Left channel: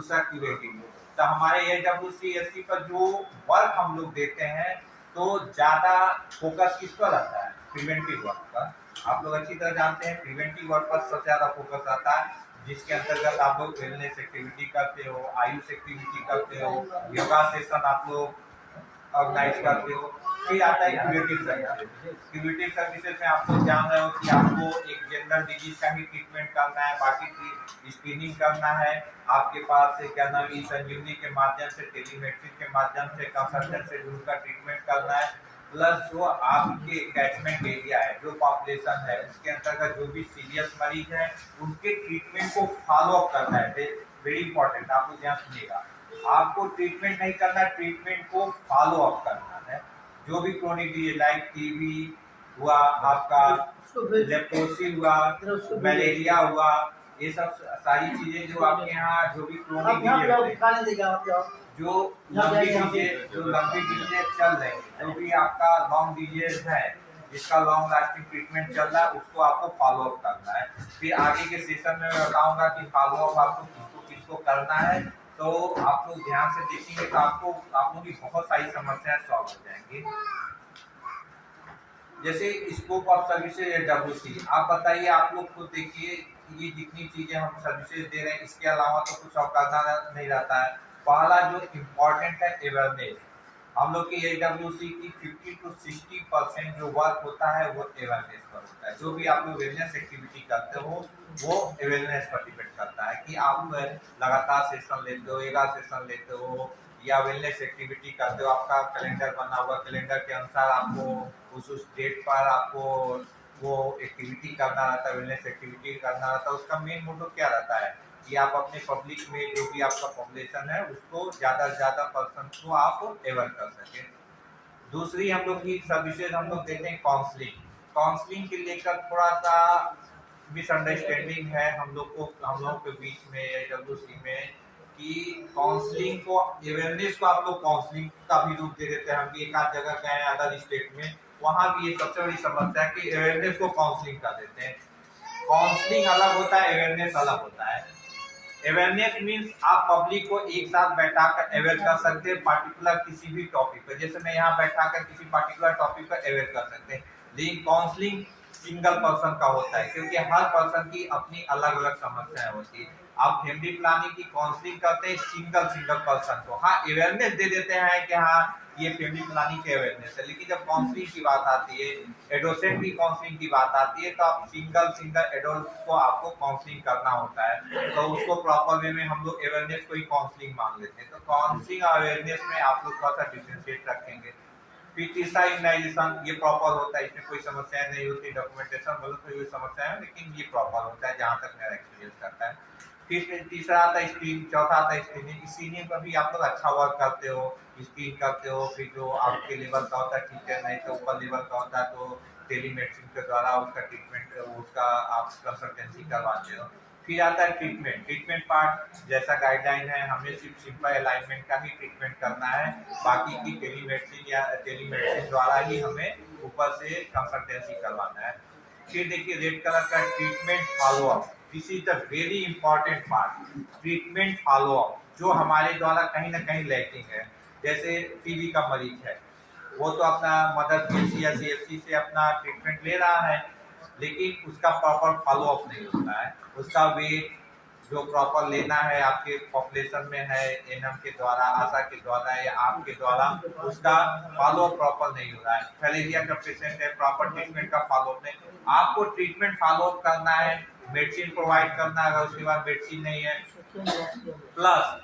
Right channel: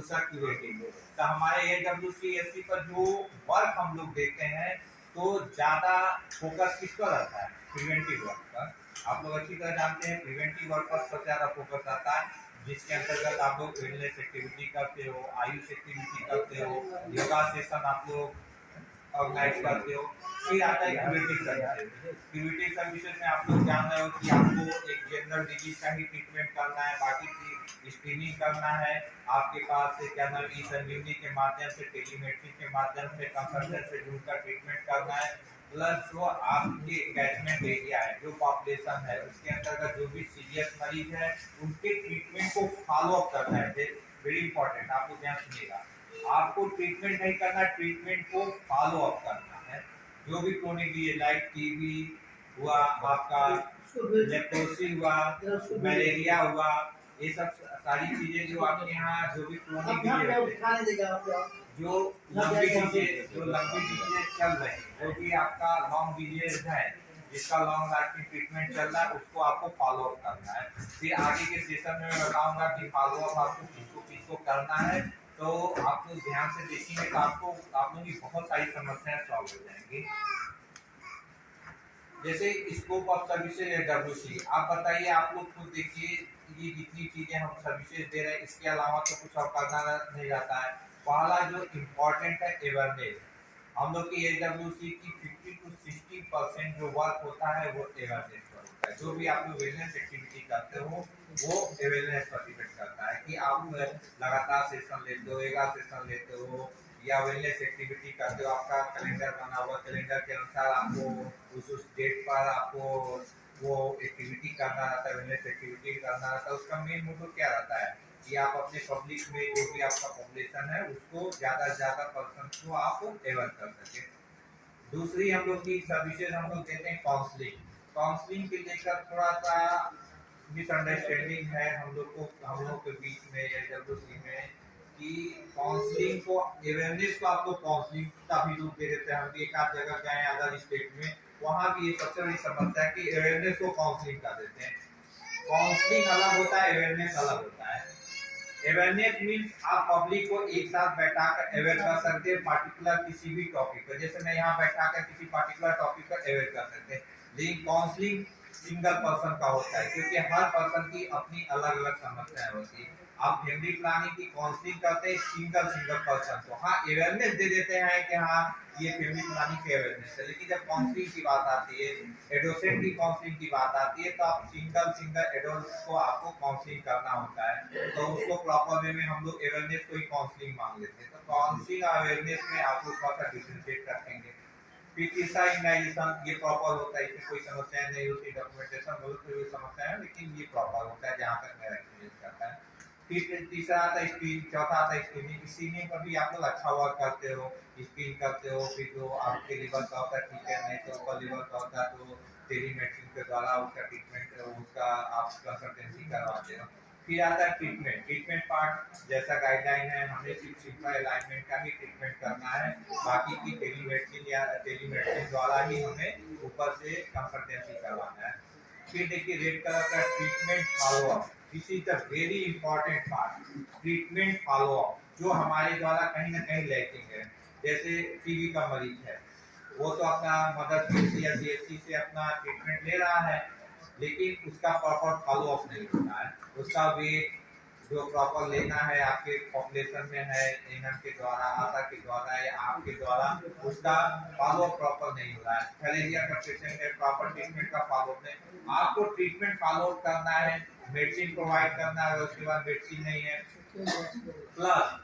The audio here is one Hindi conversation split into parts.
दूसरा क्यूरेटिव। तो हमारे AWCSC पर जो वर्क हम लोग देते हैं तो ज़्यादा फोकस किस पर रहता है? प्रिवेंटिव वर्क पर। आप लोग अच्छी तरह जानते हैं प्रिवेंटिव वर्क पर सबसे ज़्यादा फोकस रहता है, जिसके अंतर्गत आप लोग वेलनेस एक्टिविटी करते हो, आयुष एक्टिविटी करते हो, योगा सेशन आप लोग ऑर्गेनाइज करते हो। फिर आता है क्यूरेटिव सर्विसेज। क्यूरेटिव सर्विसेज में आप लोग जान रहे हो कि आपको एक जनरल डिजीज का ही ट्रीटमेंट करना है, बाकी स्क्रीनिंग करना है, आपके पास से क्या नाम ई संजीवनी के माध्यम से, टेलीमेडिसिन के माध्यम से, कंसल्टेंट से जुड़कर ट्रीटमेंट करना है। प्लस जो आपके कैचमेंट एरिया है, जो पॉपुलेशन है, उसके अंतर्गत जो भी सीरियस मरीज है उनके ट्रीटमेंट को फॉलो अप करना है। वेरी इंपॉर्टेंट, आप लोग ध्यान सुनिएगा। आपको ट्रीटमेंट नहीं करना, ट्रीटमेंट को फॉलो अप करना है। जो भी क्रोनिक डिजीज लाइक टीबी हुआ, आपका लेप्रोसी हुआ, मलेरिया हुआ, ये सब सारी चीजें जो आपके यहाँ जो भी क्रोनिक डिजीज, जो लंबी डिजीज चल रहे हैं, जो भी आपका लॉन्ग डिजीज है, जिसका लॉन्ग लास्टिंग ट्रीटमेंट चल रहा है, उसको आपको फॉलो अप करना है। फिर आगे के सेशन में मैं बताऊंगा कि फॉलो अप आपको किसको करना है। तो आप लोग ध्यान से देखेंगे तो आपको आप लोगों की बहुत सारी समस्याएं सॉल्व हो जाएंगी। जैसे स्कोप ऑफ सर्विसेज AWC, आप बताइए, आप लोग खुद देखिए, ये जितनी चीजें हम सर्विसेज दे रहे हैं इसके अलावा तो कुछ और करना नहीं रहता है। पहला जो इम्पोर्टेंट है अवेयरनेस। हम लोग की AWC की 50 to 60% जो वर्क होता है वो अवेयरनेस पर होता है। जो भी आप लोग अवेयरनेस एक्टिविटी करते हो वो अवेयरनेस पर डिपेंड करता है कि आप लगातार सेशन लेते हो, योगा सेशन लेते हो या वेलनेस एक्टिविटी करते हो। आपका कैलेंडर बना हुआ, कैलेंडर के अनुसार आपको उस डेट पर आपको वो एक्टिविटी करना रहता है, वेलनेस एक्टिविटी करना रहता है। उसका मेन मोटो क्या रहता है कि आप अपने पब्लिक में जो भी आपका पॉपुलेशन है उसको ज़्यादा से ज़्यादा पर्सन को आप अवेयर कर सकें। दूसरी हम लोग की सर्विसेज हम लोग देते हैं काउंसलिंग। काउंसलिंग के लेकर थोड़ा सा मिसअंडरस्टैंडिंग है हम लोगों के बीच में AWC में कि काउंसलिंग को, अवेयरनेस को आप लोग काउंसलिंग का भी रूप दे देते हैं। हम भी एक आध जगह गए हैं अदर स्टेट में, वहाँ भी ये सबसे बड़ी समस्या है कि अवेयरनेस को काउंसलिंग कर देते हैं। काउंसलिंग अलग होता है, अवेयरनेस अलग होता है। अवेयरनेस मींस आप पब्लिक को एक साथ बैठाकर अवेयर कर सकते हैं पार्टिकुलर किसी भी टॉपिक पर। जैसे मैं यहाँ बैठाकर किसी पार्टिकुलर टॉपिक पर अवेयर कर सकते हैं, लेकिन काउंसलिंग सिंगल पर्सन का होता है क्योंकि हर पर्सन की अपनी अलग अलग समस्याएं होती है। आप फैमिली प्लानिंग की काउंसलिंग करते हैं सिंगल पर्सन को, हाँ अवेयरनेस दे देते हैं कि हाँ ये फैमिली प्लानिंग की अवेयरनेस है। लेकिन जब काउंसलिंग की बात आती है, एडोसेंट की काउंसलिंग की बात आती है, तो आप सिंगल एडोल्ट को आपको काउंसलिंग करना होता है। तो उसको प्रॉपर वे में हम लोग अवेयरनेस को ही काउंसलिंग मान लेते हैं। तो काउंसलिंग और अवेयरनेस में आप लोग थोड़ा सा डिफरेंशिएट रखेंगे। फिर तीसरा इम्यूनाइजेशन, ये प्रॉपर होता है, इसमें कोई समस्या नहीं होती। डॉक्यूमेंटेशन बोलो तो ये समस्या है, लेकिन ये प्रॉपर होता है जहाँ तक मेरा एक्सपीरियंस करता है। फिर तीसरा आता है स्क्रीन, चौथा आता है स्क्रीनिंग। स्क्रीनिंग पर भी आप लोग अच्छा वर्क करते हो, स्क्रीन करते हो। फिर जो आपके लेवल का होता है ठीक है, नहीं तो ऊपर लेवल का होता है तो टेलीमेडिसिन के द्वारा उसका ट्रीटमेंट, उसका आप कंसल्टेंसी करवाते हो। फिर आता है ट्रीटमेंट पार्ट। जैसा गाइडलाइन है, हमें सिर्फ सिंपल अलाइनमेंट का ही ट्रीटमेंट करना है, बाकी की टेलीमेडिसिन द्वारा ही हमें ऊपर से कंसल्टेंसी करवाना है। फिर देखिए रेड कलर का treatment follow up, this is the very important part. Treatment follow up जो हमारे द्वारा कहीं ना कहीं लैकिंग है। जैसे टीबी का मरीज है, वो तो अपना मदर पीएचसी या सीएचसी से अपना ट्रीटमेंट ले रहा है, लेकिन उसका प्रॉपर फॉलो अप नहीं होता है। उसका वेट जो प्रॉपर लेना है आपके पॉपुलेशन में है, एनएम के द्वारा, आशा के द्वारा या आपके द्वारा, उसका फॉलो प्रॉपर नहीं हो रहा है। थैलेसिमिया का पेशेंट है, प्रॉपर ट्रीटमेंट का फॉलो अप नहीं। आपको ट्रीटमेंट फॉलो अप करना है, मेडिसिन प्रोवाइड करना है, अगर उसके बाद मेडिसिन नहीं है, प्लस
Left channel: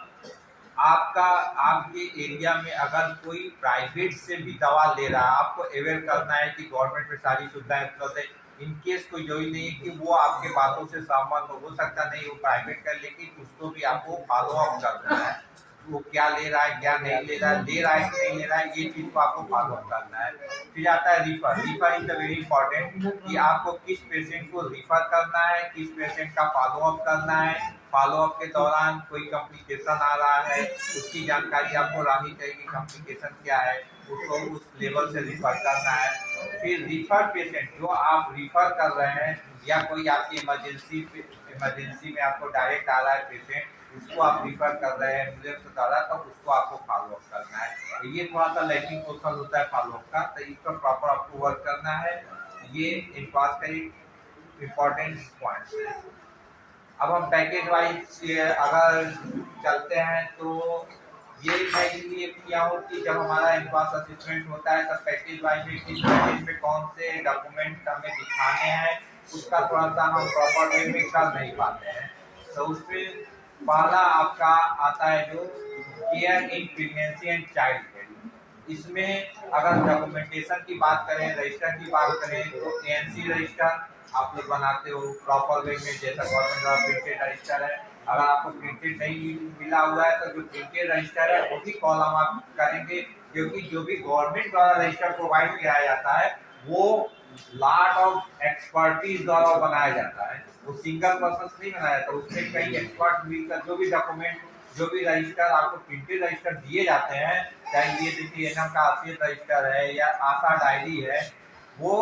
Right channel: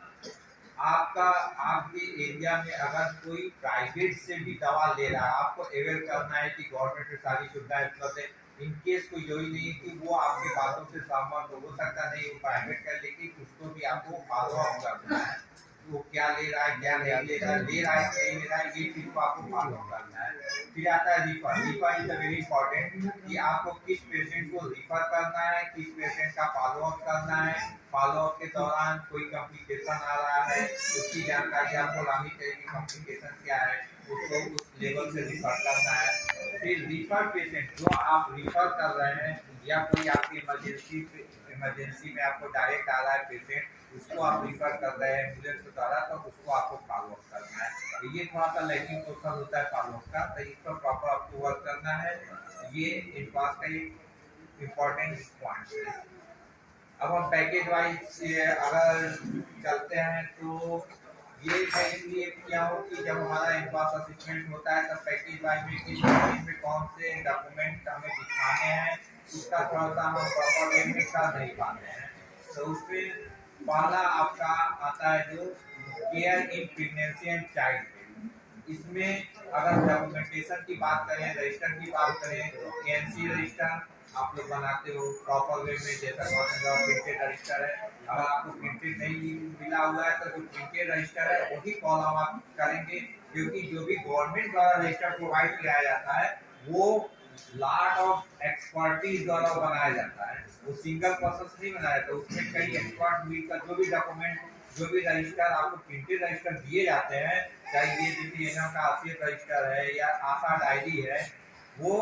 आपका आपके एरिया में अगर कोई प्राइवेट से भी दवा ले रहा है, आपको अवेयर करना है कि गवर्नमेंट में सारी सुविधाएं उपलब्ध है। इनकेस कोई जरूरी नहीं है कि वो आपके बातों से सहमत हो सकता नहीं वो प्राइवेट का, लेकिन उसको भी आपको फॉलो अप करना है। वो क्या ले रहा है, क्या नहीं ले रहा है, ले रहा है कि नहीं ले रहा है, ये चीज को आपको फॉलो अप करना है। फिर आता है रिफर इज वेरी इंपॉर्टेंट कि आपको किस पेशेंट को रिफर करना है, किस पेशेंट का फॉलो अप करना है। फॉलो अप के दौरान कोई कॉम्प्लिकेशन आ रहा है, उसकी जानकारी आपको रहनी चाहिए कि कॉम्प्लिकेशन क्या है, उसको उस लेवल से रिफर करना है। फिर रिफर पेशेंट जो आप रिफर कर रहे हैं या कोई आपकी इमरजेंसी में आपको डायरेक्ट आ रहा है पेशेंट, उसको आप रिफर कर रहे हैं एम्बुलेंस को कर रहा है, तब उसको आपको फॉलो अप करना है। तो ये थोड़ा सा लैकिंग पोर्शन होता है फॉलो अप का, तो इस पर प्रॉपर आपको वर्क करना है। ये इनपास का एक इम्पोर्टेंट पॉइंट है। अब हम पैकेज वाइज अगर चलते हैं तो ये मैं इसलिए किया हूँ कि जब हमारा इनपास असेसमेंट होता है तब पैकेज वाइज में किस पैकेज में कौन से डॉक्यूमेंट हमें दिखाने हैं उसका थोड़ा सा हम प्रॉपर वे में कर नहीं पाते हैं। तो उसमें पहला आपका आता है जो care in pregnancy and child care. इसमें अगर डॉक्यूमेंटेशन की बात करें, रजिस्टर की बात करें, तो एएनसी रजिस्टर आप लोग बनाते हो प्रॉपर वे में, जैसा गवर्नमेंट द्वारा प्रिंटेड रजिस्टर है। अगर आपको प्रिंटेड नहीं मिला हुआ है तो जो प्रिंटेड रजिस्टर है वही कॉलम आप करेंगे, क्योंकि जो भी गवर्नमेंट द्वारा रजिस्टर प्रोवाइड किया जाता है वो लॉट ऑफ एक्सपर्टीज द्वारा बनाया जाता है, वो सिंगल पर्सन नहीं बनाया जाता। उसमें कई एक्सपर्ट मिलकर जो भी डॉक्यूमेंट, जो भी रजिस्टर आपको प्रिंटेड रजिस्टर दिए जाते हैं, चाहे ये DTNM का आसियत रजिस्टर है या आशा डायरी है, वो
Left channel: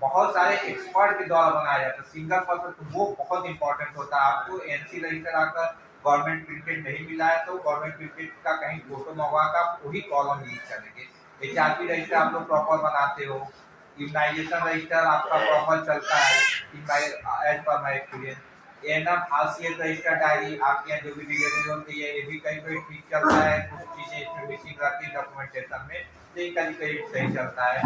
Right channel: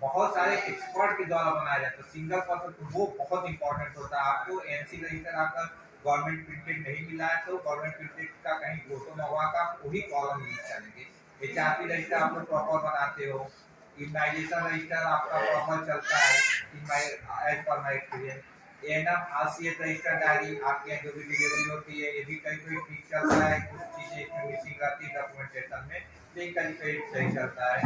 बहुत सारे एक्सपर्ट के द्वारा बनाया जाता है। सिंगल पर्सन तो वो बहुत इंपॉर्टेंट होता है। आपको एनसी रजिस्टर आकर गवर्नमेंट प्रिंटेड नहीं मिला है तो गवर्नमेंट प्रिंटेड का कहीं फोटो मंगवा कर आप वही कॉलम यूज करेंगे। HRP रजिस्टर आप लोग प्रॉपर बनाते हो, इम्यूनाइजेशन रजिस्टर आपका प्रॉपर चलता है as per my experience. ANM आसियत रजिस्टर डायरी आपके यहाँ जो भी डिलीवरी होती है ये भी कहीं कहीं ठीक चलता है, कुछ चीजें इसमें मिसिंग रहती है डॉक्यूमेंटेशन में, कहीं कहीं सही चलता है।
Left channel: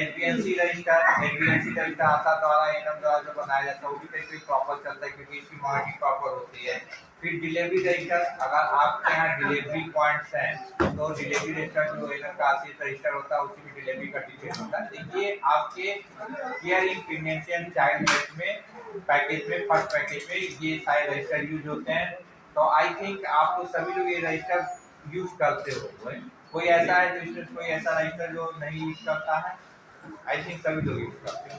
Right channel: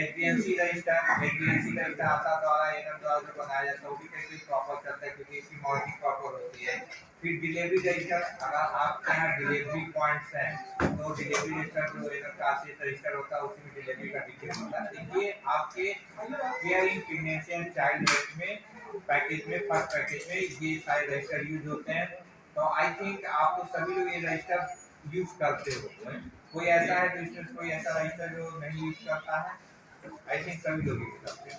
एचबीएनसी रजिस्टर आता द्वारा एनएम द्वारा जो बनाया जाता है वो भी कहीं प्रॉपर चलता है क्योंकि इसकी मॉनिटरिंग प्रॉपर होती है। फिर डिलीवरी रजिस्टर, अगर आपके यहाँ डिलीवरी पॉइंट्स हैं तो डिलीवरी रजिस्टर जो एनएम का आसियत रजिस्टर होता है उसी में डिलीवरी का डिटेल होता है। देखिए आपके care in pregnancy and child health में पैकेज में, फर्स्ट पैकेज में ये सारे रजिस्टर यूज होते हैं। तो आई थिंक आप तो सभी लोग ये रजिस्टर यूज करते हो। कोई ऐसा है जो स्टूडेंट, कोई ऐसा रजिस्टर जो नहीं यूज करता है? आई थिंक सभी लोग यूज करते हैं।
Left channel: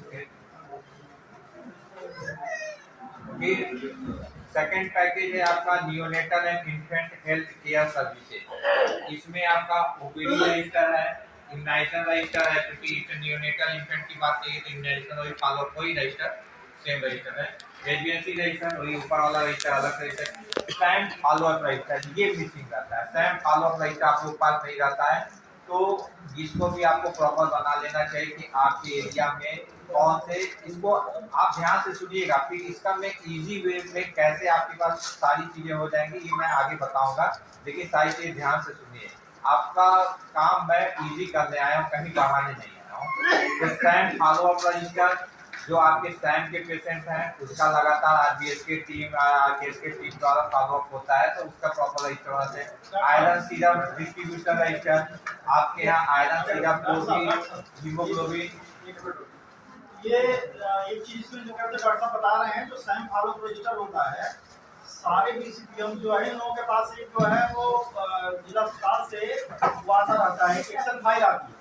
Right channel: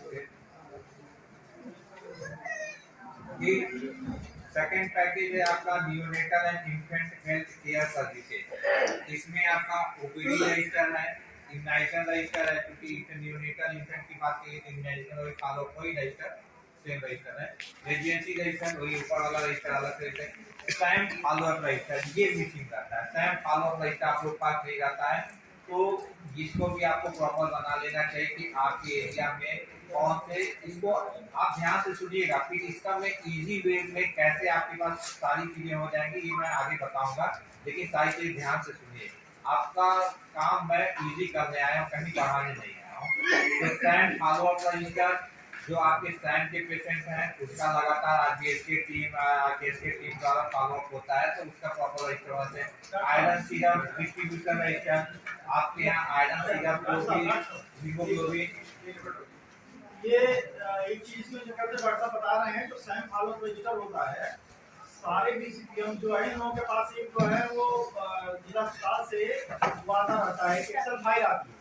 फिर सेकंड पैकेज है आपका neonatal and infant health care services. इसमें आपका ओपीडी रजिस्टर है, इम्यूनाइजेशन रजिस्टर है, क्योंकि नियोनेटल इन्फेंट की बात की तो इम्यूनाइजेशन वही फॉलो कोई रजिस्टर सेम रजिस्टर है। एजेंसी रजिस्टर वही ऊपर वाला रजिस्टर अलग register. Sam follow up register ये मिसिंग रहता है। सैम फॉलो अप रजिस्टर आप लोग पास नहीं रहता है, तो इसको भी आपको प्रॉपर बना लेना चाहिए कि आपके एरिया में कौन से, इसको आप ध्यान से सुनिएगा। फिर इसका मैं इजी वे में कैसे आपके पास सारी चीजें हो जाएंगी ये मैं आगे बताऊंगा, लेकिन सारी चीजें ध्यान से सुनिए। आपका काम मैं इजी करने आया हूँ, कहीं बढ़ाने नहीं आया हूँ। तो सैम फॉलो अप रजिस्टर जो आपके सैम के पेशेंट हैं उसका लगातार आरबीएस की टीम, आरकेएस की टीम द्वारा फॉलो अप होता है, तो उसका प्रॉपर रजिस्टर होना चाहिए। आयरन सीरम डिस्ट्रीब्यूटर रजिस्टर, आपके यहाँ आयरन सीरम, हीमोग्लोबिन, ये एक चीज में जो कहते डॉक्टर साहब बता रहे हैं, जो सैम फॉलो रजिस्टर होता है सारे डीसीपीएम जो है इन लोगों के पास एक जो है वो जिला अस्पताल से वो आता रहता है, एक्सेल फाइल आती है।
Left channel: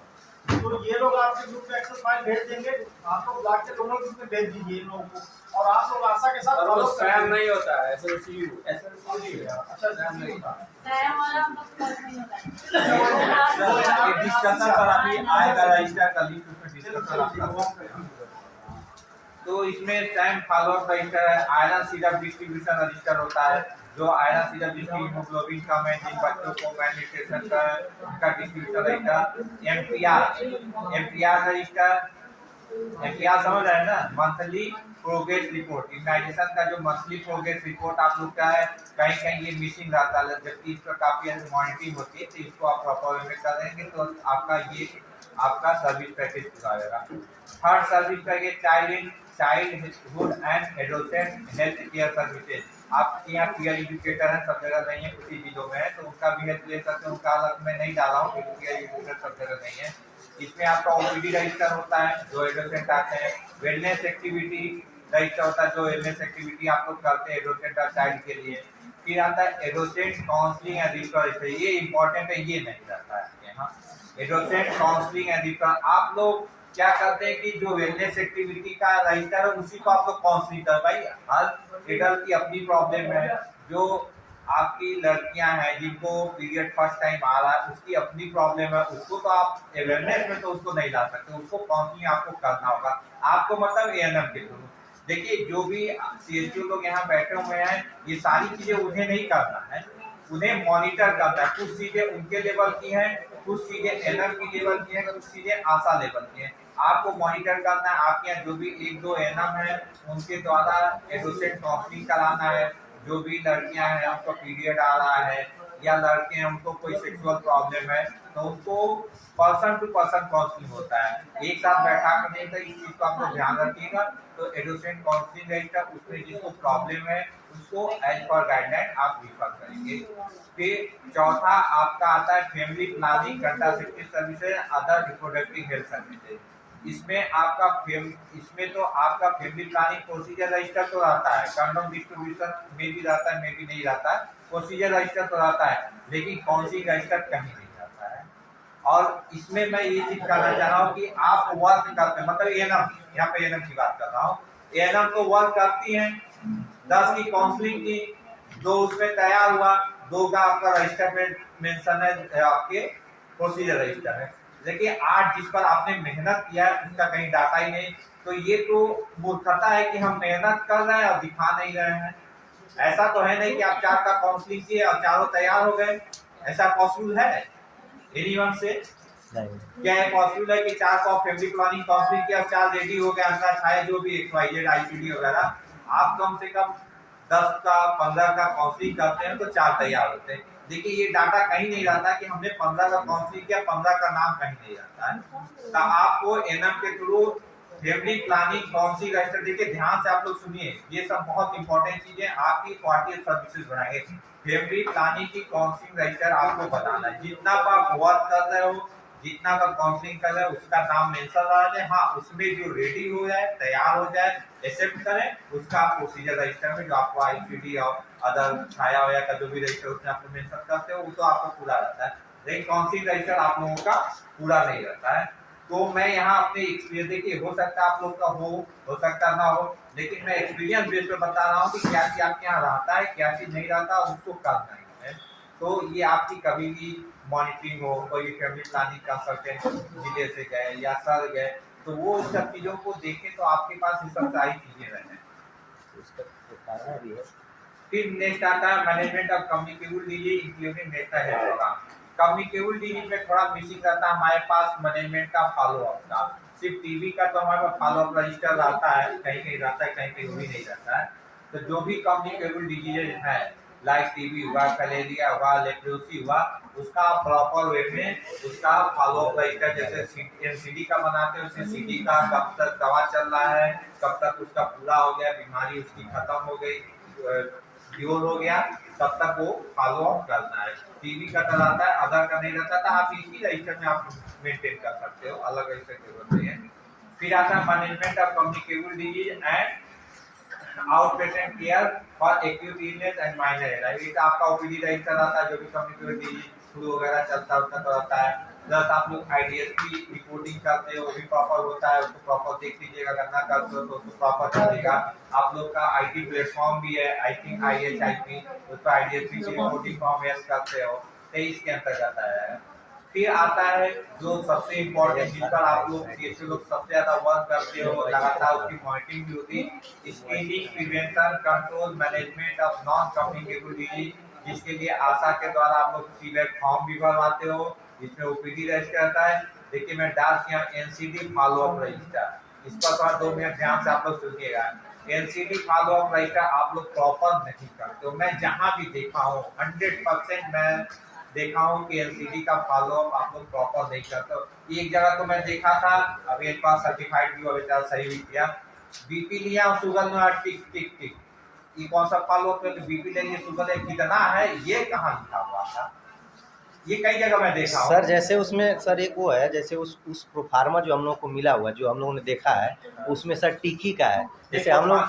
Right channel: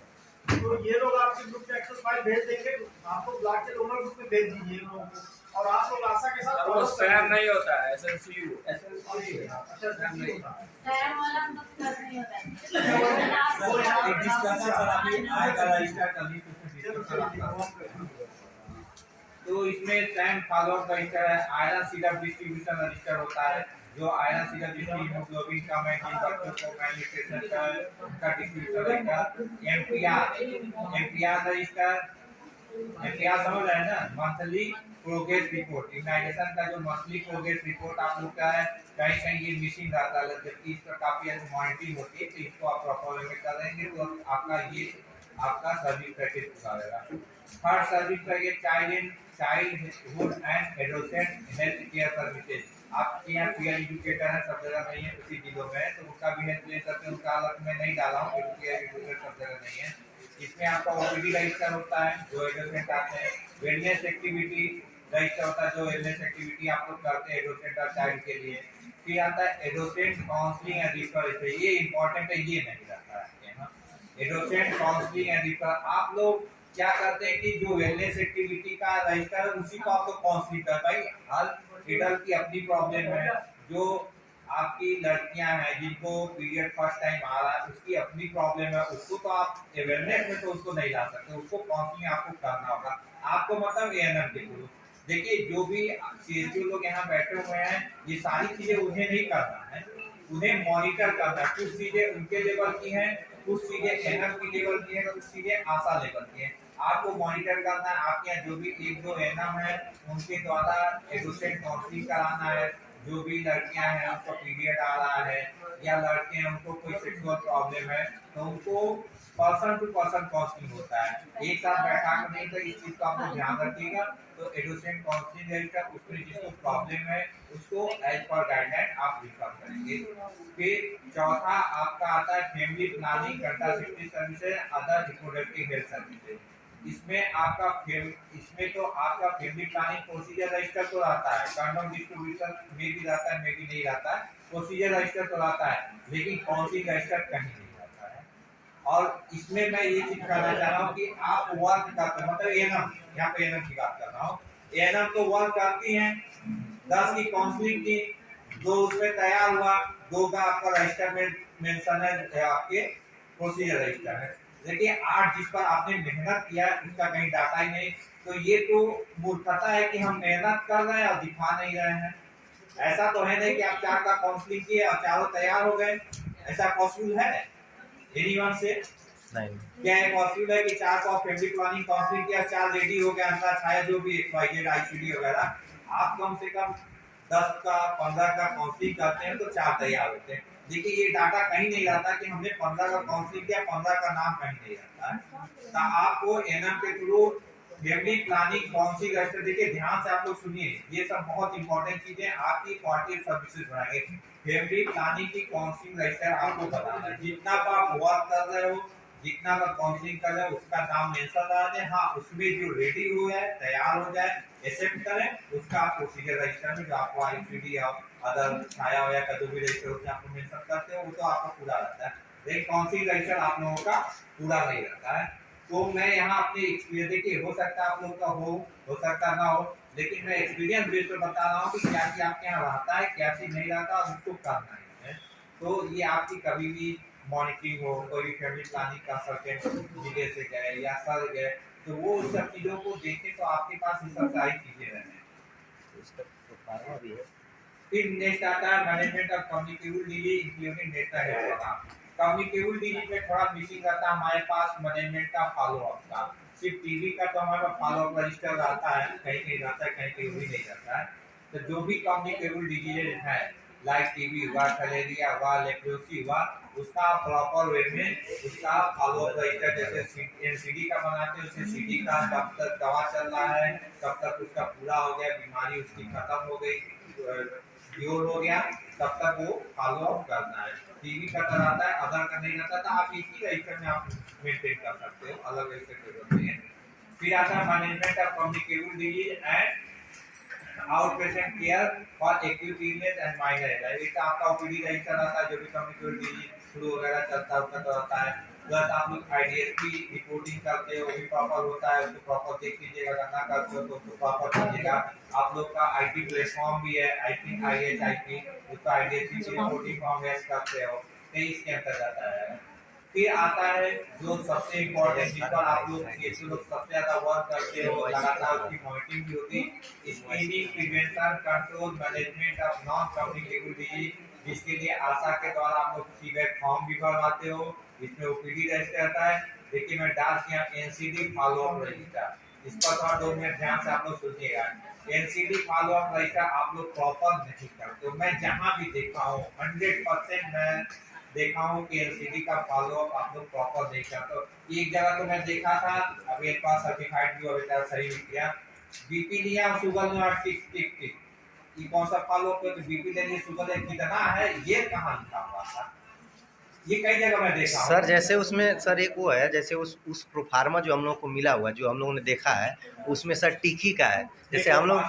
तो ये लोग आपके ग्रुप में एक्सेल फाइल भेज देंगे, आप लोग ब्लॉक के लोकल ग्रुप में भेज दीजिए इन लोगों को, और आप लोग आशा के साथ वो सैम नहीं होता है, एसएलसीयू। अच्छा सैम नहीं होता है, सैम वाला हम लोग कर नहीं होता है। डिस्कशन पर अभी आएगा रजिस्टर का लिस्ट, उसमें डिस्कशन आपका। तो इसमें सैम फॉलो अप रजिस्टर है, आयरन सीरम डिस्ट्रीब्यूशन रजिस्टर होता है, जो आयरन सीरम जिसकी हीमोग्लोबिन कम है, जिन बच्चों को मैलन्यूट्रिशन का उनका distribution register. MPR register, MPR समझ रहे हैं ना, मंथली प्रोग्रेस रिपोर्ट। इम्यूनाइजेशन का जो मंथली प्रोग्रेस रिपोर्ट आप लोग का है, कहीं कहीं ये मिसिंग रहता है, जबकि इस पर काफी मॉनिटरिंग होती है, तो इसको आप प्रॉपर वे में करेंगे तो आपका ये आपका सर्विस पैकेज पूरा होगा। Third service package childhood and adolescent health care services. आपके यहाँ पीयर एजुकेटर है, सब जगह नहीं है, कुछ ही जिलों में है, तो उनका भी हेल्प ले सकते हैं। उनका अलग मैं नहीं डाला हूँ क्योंकि पीयर एजुकेटर सब जगह नहीं है। इसमें आपका ओपीडी रजिस्टर होता है जो एडोलेसेंट आते हैं, वेलनेस एक्टिविटी रजिस्टर होता है जो वेलनेस एक्टिविटी आप लोग करते हैं एडोलेसेंट और चाइल्ड के लिए। फिर आता है एडोलेसेंट काउंसलिंग एंड रिफरल, ये इंपॉर्टेंट है, ये नहीं रहता है यहाँ। एडोलेसेंट काउंसलिंग एंड रिफरल, आप लोग क्या करते हैं कि जो वेलनेस एक्टिविटी का रजिस्टर है उसी को आप लोग काउंसलिंग कर, भाई हर एडल्ट की अपनी प्रॉब्लम है। जो आपकी लड़कियां हैं जिनको पीरियड फर्स्ट टाइम आ रहा है उसकी अपनी प्रॉब्लम है, उसको तो आप अवेयरनेस में तो उसको नहीं ला सकते, उसको काउंसलिंग आपको करना होगा। आपको मतलब एएनएम के थ्रू, देखिए जो भी सीएचओ लोग यहाँ बैठे हुए हैं, ये सारी चीजें उन्हें नहीं करना है, उन्हें मॉनिटर करना है। कुछ चीजें उनके लेवल की हैं, कुछ चीजें एनएम की लेवल की हैं, कुछ चीजें आशा लेवल की हैं। आपको मॉनिटर करना है, आपके यहाँ जो भी एक दो एनएम है उनके द्वारा एडोसेंट काउंसलिंग कराना है। जो भी लड़कियां हैं उनको पीरियड आ रहा है या लड़के हैं उनको कोई सेक्सुअल प्रॉब्लम है, तो उनको पर्सन टू पर्सन काउंसलिंग होता है, एक साथ बैठा कर नहीं। तो इस चीज को आप लोग ध्यान रखिएगा। तो एडोसेंट काउंसलिंग रजिस्टर, उसमें जिसको प्रॉब्लम है उसको एज पर गाइडलाइन आप रिफर करेंगे। फिर चौथा आपका आता है family planning, contraceptive services, other reproductive health services. इसमें तो आपका फैमिली प्लानिंग प्रोसीजर रजिस्टर तो रहता है, कंडोम डिस्ट्रीब्यूशन में भी रहता है, में भी नहीं रहता है, प्रोसीजर रजिस्टर तो रहता है, लेकिन काउंसलिंग रजिस्टर कहीं नहीं रहता है। और इसमें मैं ये चीज कहना चाह रहा हूँ कि आप वर्क करते हैं, मतलब एनएम, यहाँ पे एनएम की बात कर रहा हूँ, एनएम तो वर्क करती हैं, 10 की काउंसलिंग की, 2 उसमें तैयार हुआ, 2 का आपका रजिस्टर में मेंशन है, आपके प्रोसीजर रजिस्टर है, देखिए 8 जिस पर आपने मेहनत किया है उसका कहीं डाटा ही नहीं। तो ये तो मूर्खता है कि हम मेहनत कर रहे हैं और दिखा नहीं रहे हैं। ऐसा तो है नहीं कि आप 4 का काउंसलिंग किए और चारों तैयार हो गए, ऐसा पॉसिबल है एनीवन से? क्या है पॉसिबल है कि 4 का फैमिली प्लानिंग काउंसलिंग किया, 4 रेडी हो गया, अंतर छाया जो भी XYZ ICD वगैरह, आप कम से कम 10 का 15 का काउंसलिंग करते हैं तो 4 तैयार होते हैं। देखिए ये डाटा कहीं नहीं रहता कि हमने 15 का काउंसलिंग किया, 15 का नाम कहीं नहीं रहता है। तो आपको एनएम के through family planning counselling register, देखिए ध्यान से आप लोग सुनिए, ये सब बहुत इंपॉर्टेंट चीजें आपकी क्वालिटी ऑफ सर्विसेज बढ़ाएंगे। फैमिली प्लानिंग की काउंसलिंग रजिस्टर आपको बताना है, जितना आप वर्क कर रहे हो, जितना का काउंसलिंग कर रहे हैं उसका नाम मेंशन रहा है, हाँ उसमें जो रेडी हो जाए, तैयार हो जाए, एक्सेप्ट करें, उसका प्रोसीजर रजिस्टर में जो आपको ICD और अदर छाया वया का जो भी रजिस्टर उसमें आप मेंशन करते हो वो तो आपका पूरा रहता है, लेकिन काउंसलिंग रजिस्टर आप लोगों का पूरा नहीं रहता है। तो मैं यहाँ अपने एक्सपीरियंस, देखिए हो सकता है आप लोग का हो सकता ना हो, लेकिन मैं एक्सपीरियंस बेस पर बता रहा हूँ कि क्या चीज आपके यहाँ रहता है, क्या चीज नहीं रहता, उसको करना है। तो ये आपकी कभी भी मॉनिटरिंग हो, कोई फैमिली प्लानिंग कंसल्टेंट जिले से गए या सर गए, तो वो सब चीजों को देखें तो आपके पास ये सब सारी चीजें रहें। फिर नेक्स्ट आता है management of communicable disease including national health program. Communicable disease में थोड़ा मिसिंग रहता है हमारे पास मैनेजमेंट का फॉलो अप का। सिर्फ टीबी का तो हमारे पास फॉलो अप रजिस्टर रहता है, कहीं कहीं रहता है, कहीं कहीं भी नहीं रहता है। तो जो भी कम्युनिकेबल डिजीज है, लाइक टीबी हुआ, कलेरिया हुआ, लेप्रोसी हुआ, उसका प्रॉपर वे में उसका फॉलो अप रजिस्टर, जैसे एनसीडी का बनाते हैं उससे सीडी का कब तक दवा चल रहा है, कब तक उसका पूरा हो गया, बीमारी उसकी खत्म हो गई, क्योर हो गया, तब तक वो फॉलो अप करना है। टीबी का रहता है, अदर का नहीं रहता, तो आप एक ही रजिस्टर में आप मेंटेन कर सकते हो, अलग रजिस्टर की जरूरत नहीं है। फिर आता है management of communicable disease and out patient care for acute illness and minor allergy. ये तो आपका ओपीडी रजिस्टर रहता है, जो भी कम्युनिकेबल डिजीज फ्लू वगैरह चलता है उसका तो रहता है। प्लस आप लोग IDSP रिपोर्टिंग करते हो, भी प्रॉपर होता है, उसको प्रॉपर देख लीजिएगा, अगर ना करते हो तो उसको प्रॉपर कीजिएगा। आप लोग का IT प्लेटफॉर्म भी है, आई थिंक IHIP, उस पर IDSP की रिपोर्टिंग फॉर्म यस करते हो, 23 के अंतर्गत आया है। फिर आता है जो सबसे इम्पोर्टेंट, जिस पर आप लोग CSO लोग सबसे ज्यादा वर्क करते हो, लगातार उसकी मॉनिटरिंग भी होती, screening, prevention, control, management of non communicable disease, जिसके लिए आशा के द्वारा आप लोग सीवेट फॉर्म भी भरवाते हो, इसमें OPD रजिस्टर रहता है। देखिए मैं डाल किया NCD फॉलो अप रजिस्टर, इस पर थोड़ा 2 मिनट ध्यान से आप लोग सुनिएगा। NCD फॉलो अप रजिस्टर आप लोग प्रॉपर नहीं करते हो, मैं जहां भी देखा हूं 100% मैं देखा हूं कि NCD का फॉलो अप आप लोग प्रॉपर नहीं करते हो। एक जगह तो मैं देखा था, अभी एक बार सर्टिफाइड भी हो बेटा, सही भी किया, बीपी लिया शुगर में टिक टिक टिक, ये कौन सा फॉलो अप है? बीपी लेंगे शुगर कितना है, ये कहां लिखा हुआ था? ये कई जगह मैं देखा हूं सर। जैसे उसमें सर एक वो है, जैसे उस प्रोफार्मा जो हम लोग को मिला हुआ है, जो हम लोगों ने देखा है, उसमें सर टिकी का है, जैसे हम लोग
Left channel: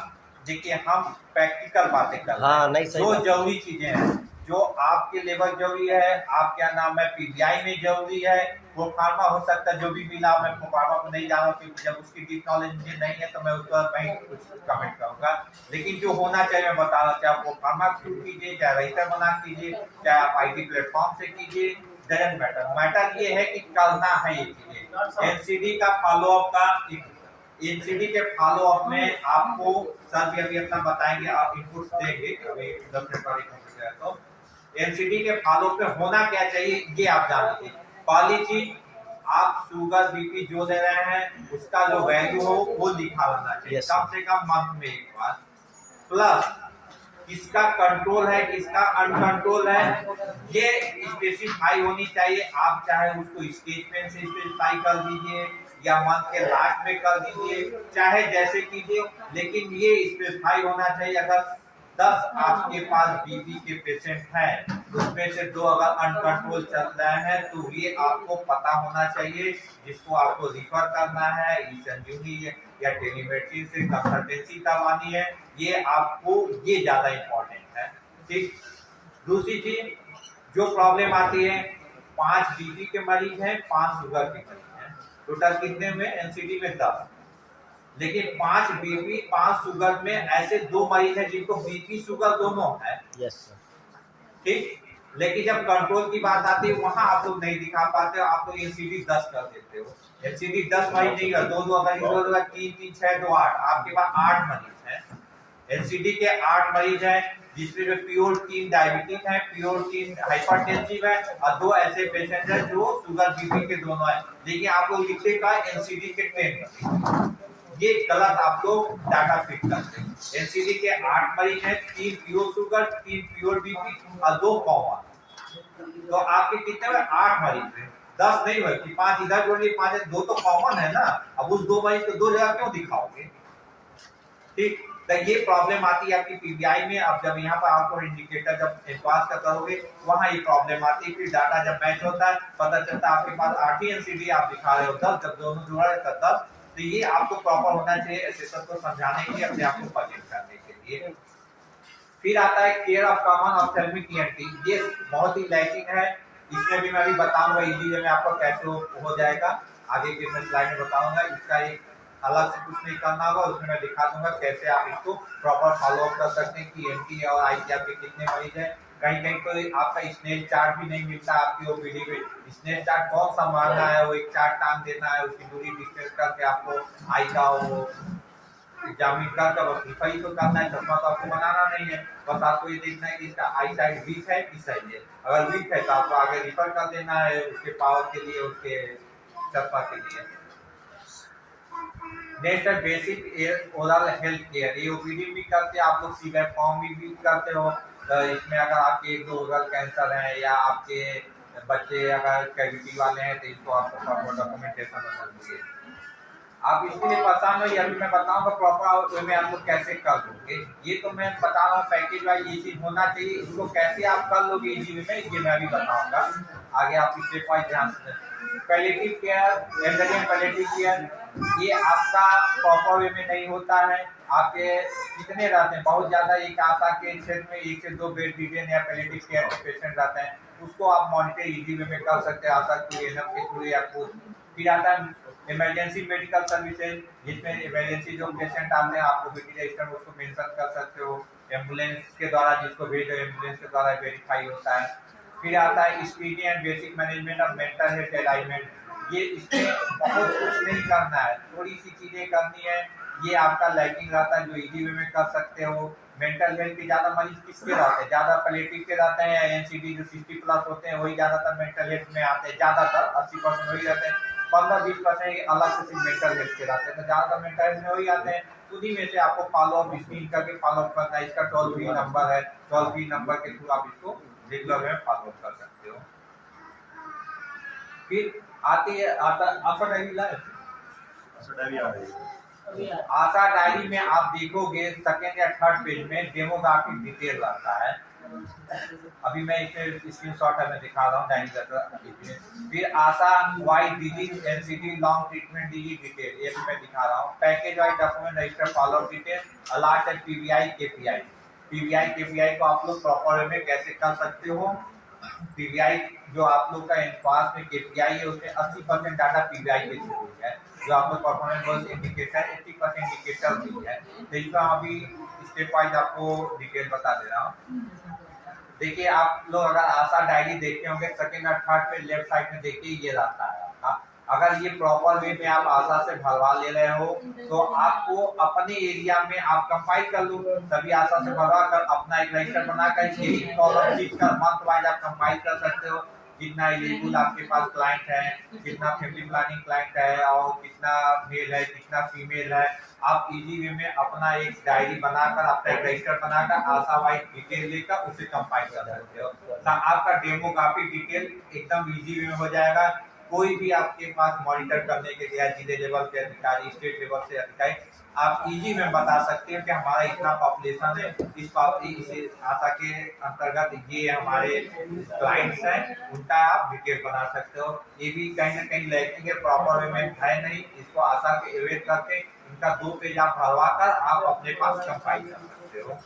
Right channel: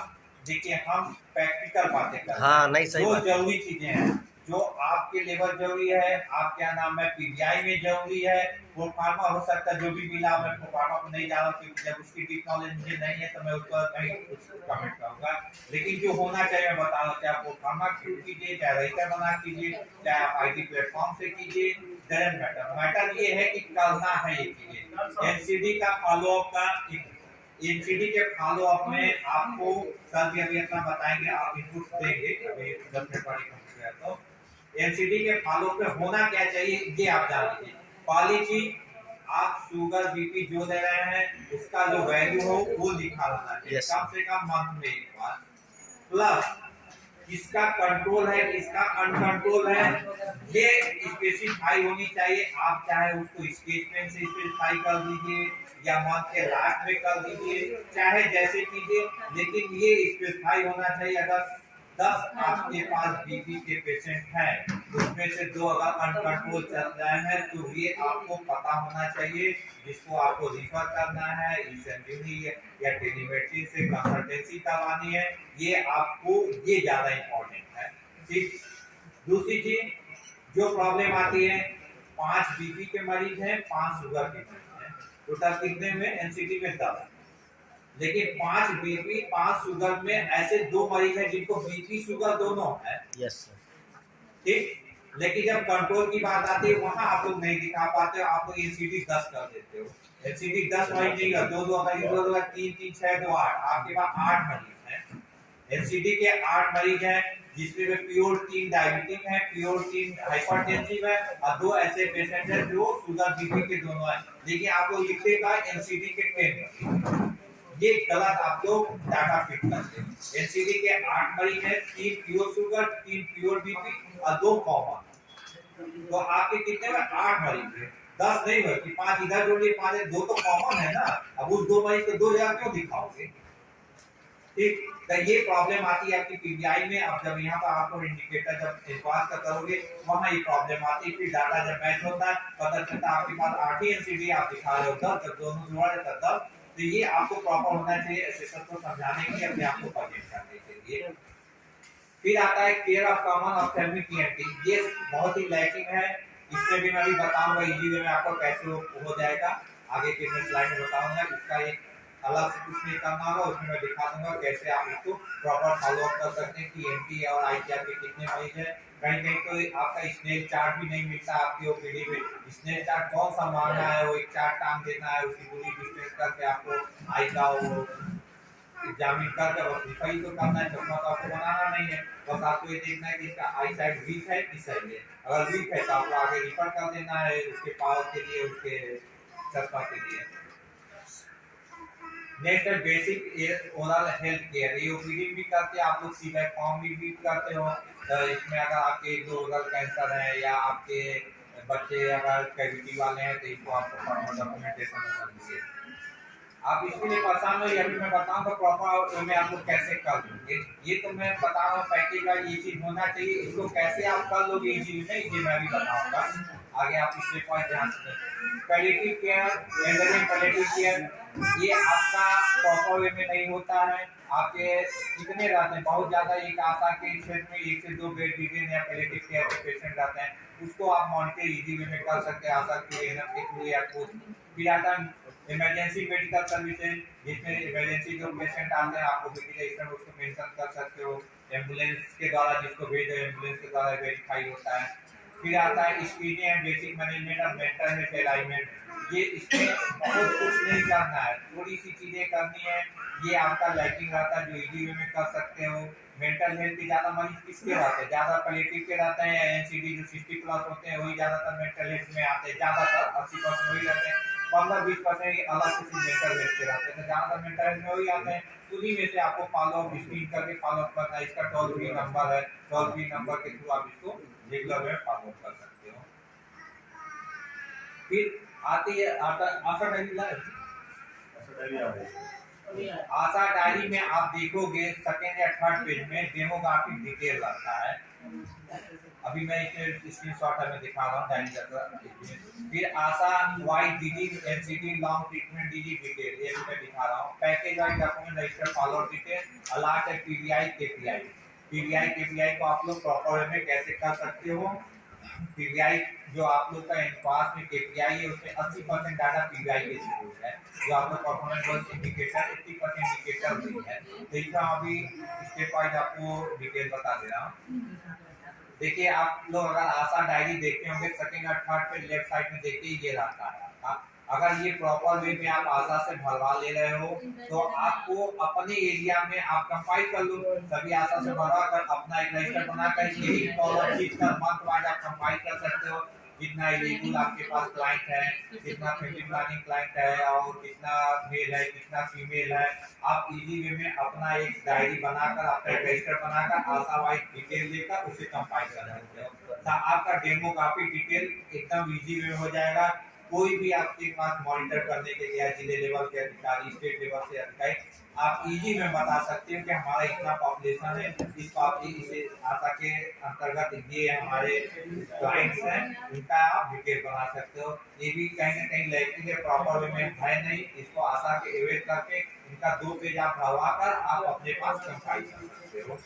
देखिए हम प्रैक्टिकल बातें कर रहे हैं। हाँ नहीं सही जो बात। जरूरी चीजें हैं, जो आपके लेवल जरूरी है, आप क्या नाम है PGI में जरूरी है, प्रोफार्मा हो सकता है जो भी मिला, मैं प्रोफार्मा को नहीं जाना क्योंकि जब उसकी डीप नॉलेज मुझे नहीं है तो मैं उस पर नहीं कुछ कमेंट करूंगा, लेकिन जो होना चाहिए मैं बता रहा हूँ, चाहे प्रोफार्मा क्यों कीजिए, चाहे रजिस्टर बना कीजिए, चाहे आप IT प्लेटफॉर्म से कीजिए, डजंट मैटर। मैटर ये है कि करना है ये चीजें। NCD का फॉलो अप का एनसीडी के फॉलो अप में आपको सर भी अभी अपना बताएंगे, आप इनपुट्स देंगे अभी 10 मिनट वाली कंप्लीट है तो एनसीडी के फॉलो पे होना क्या चाहिए ये आप जान लीजिए। पहली चीज, आप शुगर बीपी जो दे रहे हैं उसका जो वैल्यू हो वो लिखा होना चाहिए, Yes, कम से कम मंथ में एक बार। प्लस किसका कंट्रोल है किसका अनकंट्रोल है ये स्पेसिफाई होनी चाहिए। आप चाहे उसको स्केच पेन से स्पेसिफाई कर दीजिए या मंथ के लास्ट में कर दीजिए, चाहे जैसे कीजिए, लेकिन ये स्पेसिफाई होना चाहिए। अगर 10 आपके पास बीपी के पेशेंट हैं, उसमें से 2 अगर अनकंट्रोल चल रहे हैं तो ये आपको पता होना चाहिए, जिसको आपको रिफर करना है ई-संजीवनी या टेलीमेडिसिन से कंसल्टेंसी करवानी है। ये आपको ये ज्यादा इम्पोर्टेंट है। ठीक, दूसरी चीज जो प्रॉब्लम आती है, 5 बीपी के मरीज हैं, 5 शुगर के मरीज हैं, टोटल कितने में एनसीडी में 10, लेकिन 5 बीपी 5 शुगर में ऐसे 2 मरीज हैं जिनको बीपी शुगर दोनों है। Yes sir. ठीक, लेकिन जब कंट्रोल की बात आती है वहां आप लोग नहीं दिखा पाते हो, आप लोग एनसीडी 10 कर देते हो। एनसीडी 10 मरीज नहीं कर, 2 अगर 3 3 6 2 8, आपके पास 8 मरीज हैं। एनसीडी के 8 मरीज हैं जिसमें जो प्योर 3 डायबिटिक है, प्योर 3 हाइपरटेंसिव है और 2 ऐसे पेशेंट हैं जो शुगर बीपी के दोनों हैं, लेकिन आप लोग लिखेगा एनसीडी के 10। ये गलत आप लोग डाटा फिट करते हैं। एनसीडी के 8 मरीज हैं, 3 प्योर शुगर, 3 प्योर बीपी और 2 कॉमन, तो आपके कितने हुए 8 मरीज हैं, 10 नहीं हुए कि 5 इधर जोड़ लिए 5, 2 तो कॉमन है ना। अब उस 2 मरीज को 2 जगह क्यों दिखाओगे? ठीक, तो ये प्रॉब्लम आती है आपकी पीबीआई में। अब जब यहाँ पर आपको इंडिकेटर जब एडवांस का करोगे वहाँ ये प्रॉब्लम आती है। फिर डाटा जब मैच होता है पता चलता है आपके पास 8 ही एनसीडी आप दिखा रहे हो 10, जब दोनों जोड़ा है तब 10। तो ये आपको प्रॉपर होना चाहिए असेसर को समझाने के लिए, अपने आप को परहेज करने के लिए। फिर आता है care of common ophthalmic ENT, ये बहुत ही लैकिंग है। इसमें भी मैं अभी बताऊंगा इजी वे में आपको कैसे हो जाएगा, आगे के मैं स्लाइड में बताऊंगा। इसका एक अलग से कुछ नहीं करना होगा, उसमें मैं दिखा दूंगा कैसे आप इसको प्रॉपर फॉलो अप कर सकते हैं कि एनटी और आई के आपके कितने मरीज हैं। कहीं कहीं तो आपका स्नेल चार्ट भी नहीं मिलता आपकी ओपीडी में, स्नेल चार्ट कौन सा मारना है, वो एक चार्ट टांग देना है, उसकी दूरी डिस्टेंस करके आपको आई का वो एग्जामिन करके बस लिखाई तो करना है, चश्मा तो आपको बनाना नहीं है, बस आपको ये देखना है कि इसका आई साइड वीक है कि सही है। अगर वीक है तो आपको आगे रिफर कर देना है उसके पावर के लिए, उसके चश्मा के लिए। नेक्स्ट है बेसिक ओरल हेल्थ केयर, ये ओपीडी भी करते हैं आप लोग, सीबैक फॉर्म भी करते हो। तो इसमें अगर आपके 2 ओरल कैंसर है या आपके बच्चे अगर कैविटी वाले हैं तो इसको आपको डॉक्यूमेंटेशन होना चाहिए। आप इसके लिए परेशान हो, ये अभी मैं बताऊंगा प्रॉपर वे में आप लोग कैसे कर लोगे। ये तो मैं बता रहा हूँ पैकेज का ये चीज होना चाहिए, इसको कैसे आप कर लोगे इजी वे में ये मैं भी बताऊंगा। आगे आप स्टेप वाइज ध्यान से। Palliative care, elderly palliative care, ये आपका प्रॉपर वे में नहीं होता है। आपके कितने रहते हैं, बहुत ज्यादा एक आशा के क्षेत्र में 1 से 2 बेड डिवीजन या पैलेटिव केयर के पेशेंट रहते हैं, उसको आप मॉनिटर इजी वे में कर सकते हैं आशा के एनएम के थ्रू या कुछ। फिर आता है इमरजेंसी मेडिकल सर्विसेज, जिसमें इमरजेंसी जो पेशेंट आते हैं आपको बीटी रजिस्टर में उसको मेंशन कर सकते हो, एम्बुलेंस के द्वारा जिसको भेजो एम्बुलेंस के द्वारा वेरीफाई होता है। फिर आता है screening and basic management of mental health alignment, ये इसमें बहुत कुछ नहीं करना है, थोड़ी सी चीजें करनी है, ये आपका लैकिंग रहता है जो इजी वे में कर सकते हो। मेंटल हेल्थ के ज्यादा मरीज किसके रहते हैं, ज्यादा पैलेटिव के रहते हैं, एनसीडी जो 60+ होते हैं वही ज्यादातर मेंटल हेल्थ में आते हैं, ज्यादातर 80% वही रहते हैं, 15-20% अलग से मेंटल हेल्थ के रहते हैं, तो ज्यादातर मेंटल हेल्थ में वही आते हैं। उन्हीं में से आपको फॉलो अप स्क्रीन करके फॉलो अप करना है। इसका टोल फ्री नंबर है, टोल फ्री नंबर के थ्रू आप इसको रेगुलर में फॉलो अप कर सकते हो। फिर आती है आशा डायरी लाइव, आशा डायरी में आप देखोगे सेकंड या थर्ड पेज में डेमोग्राफिक डिटेल रहता है। अभी मैं इसमें स्क्रीनशॉट में दिखा रहा हूँ डायरी का। फिर ASHA wide disease NCD long treatment disease detail, ये भी मैं दिखा रहा हूँ। Package wise document register follow up detail, alert है पीबीआई केपीआई। पीबीआई केपीआई को आप लोग प्रॉपर वे में कैसे कर सकते हो। पीबीआई जो आप लोग का एनपास में केपीआई है उसमें 80% डाटा पीबीआई के थ्रू है, जो आप लोग परफॉर्मेंस इंडिकेटर 80% इंडिकेटर भी है। तो इसका अभी स्टेप वाइज आपको डिटेल बता दे रहा हूँ। देखिए आप लोग अगर आशा डायरी देखते होंगे सेकंड और थर्ड पे लेफ्ट साइड में देखिए ये रहता है आपका। अगर ये प्रॉपर वे में आप आशा से भरवा ले रहे हो तो आपको अपने एरिया में आप कंपाइल कर लो, सभी आशा से भरवा कर अपना एक रजिस्टर बनाकर यही कॉलम खींच कर मंथ वाइज आप कंपाइल कर सकते हो। कितना एलिजिबल आपके पास क्लाइंट है, कितना फैमिली प्लानिंग क्लाइंट है और कितना मेल है कितना फीमेल है, आप इजी वे में अपना एक डायरी बनाकर अपना एक रजिस्टर बनाकर आशा वाइज डिटेल लेकर उसे कंपाइल कर सकते हो। तो आपका डेमो काफी डिटेल एकदम इजी वे में हो जाएगा। कोई भी आपके पास मॉनिटर करने के लिए जिले लेवल के अधिकारी, स्टेट लेवल से अधिकारी, आप इजी में बता सकते हो कि हमारा इतना पॉपुलेशन है, इस आशा के अंतर्गत ये हमारे क्लाइंट्स हैं, उनका आप डिटेल बना सकते हो। ये भी कहीं ना कहीं लैकिंग है, प्रॉपर वे में है नहीं, इसको आशा के एवेट करके इनका 2 पेज आप भरवा कर आप अपने पास कंपाइल कर सकते हो।